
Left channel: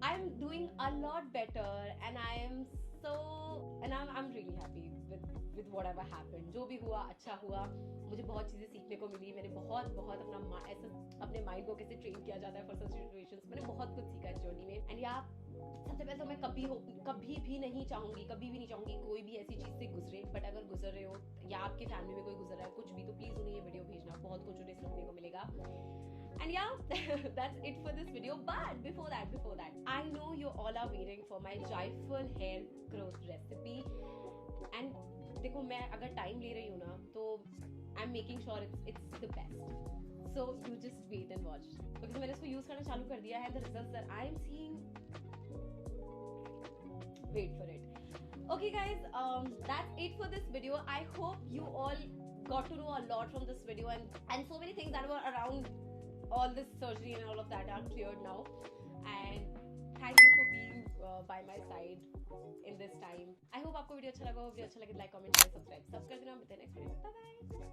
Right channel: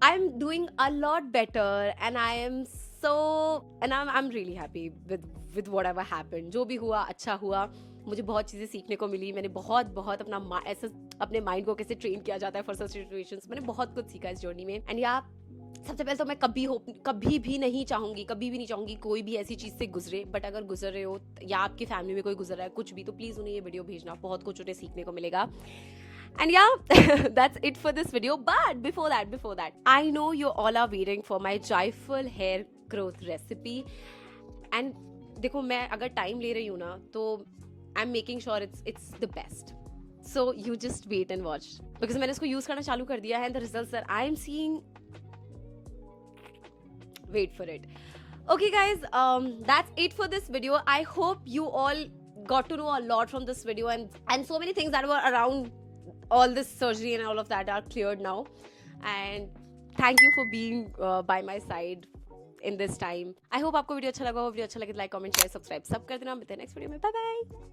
I'm doing a lot better, and I'm really happy with whatever happened. जो भी हुआ अच्छा हुआ. मुझे बहुत चीज़ें सीखने को मिली. मैंने बहुत अपना ऐसे अपने माइंड को कैसे ट्रेन किया जाता है फॉर सच सिचुएशंस. मैंने बहुत कुछ सीखा इस जर्नी में. एंड या सबसे पहले तो मैं कभी भी नहीं चाहूंगी कोई भी ऐसी चीज से गुजरे. बट अगर गुजर रहे हो या आपकी फैमिली में कोई गुजर रहा है कुछ भी, तो प्लीज उन्हें ये वीडियो भेजना. बहुत कुछ उन्हें सीखने को मिलेगा. And yeah, that's it for this video. But before that, I know you all are waiting for my joyful hair growth recipe. And देखो, मैं अगर time ले रही हूँ ना, तो I'm making sure it's the best. So you just wait and watch. Because मैंने इसको use करना चालू कर दिया है, and the results that I'm seeing, wait for it. Okay guys, that's it for this video. I hope you all got to know a lot from this video, and so many things that were around all this surgery and all of that are cleared now. And thank you for being by my side in this time. I hope आपको वीडियो अच्छा लगा हो. वीडियो अच्छा लगे तो लाइक, कमेंट, शेयर, सब्सक्राइब सब कर देना. मिलते हैं नेक्स्ट वीडियो में. Bye bye.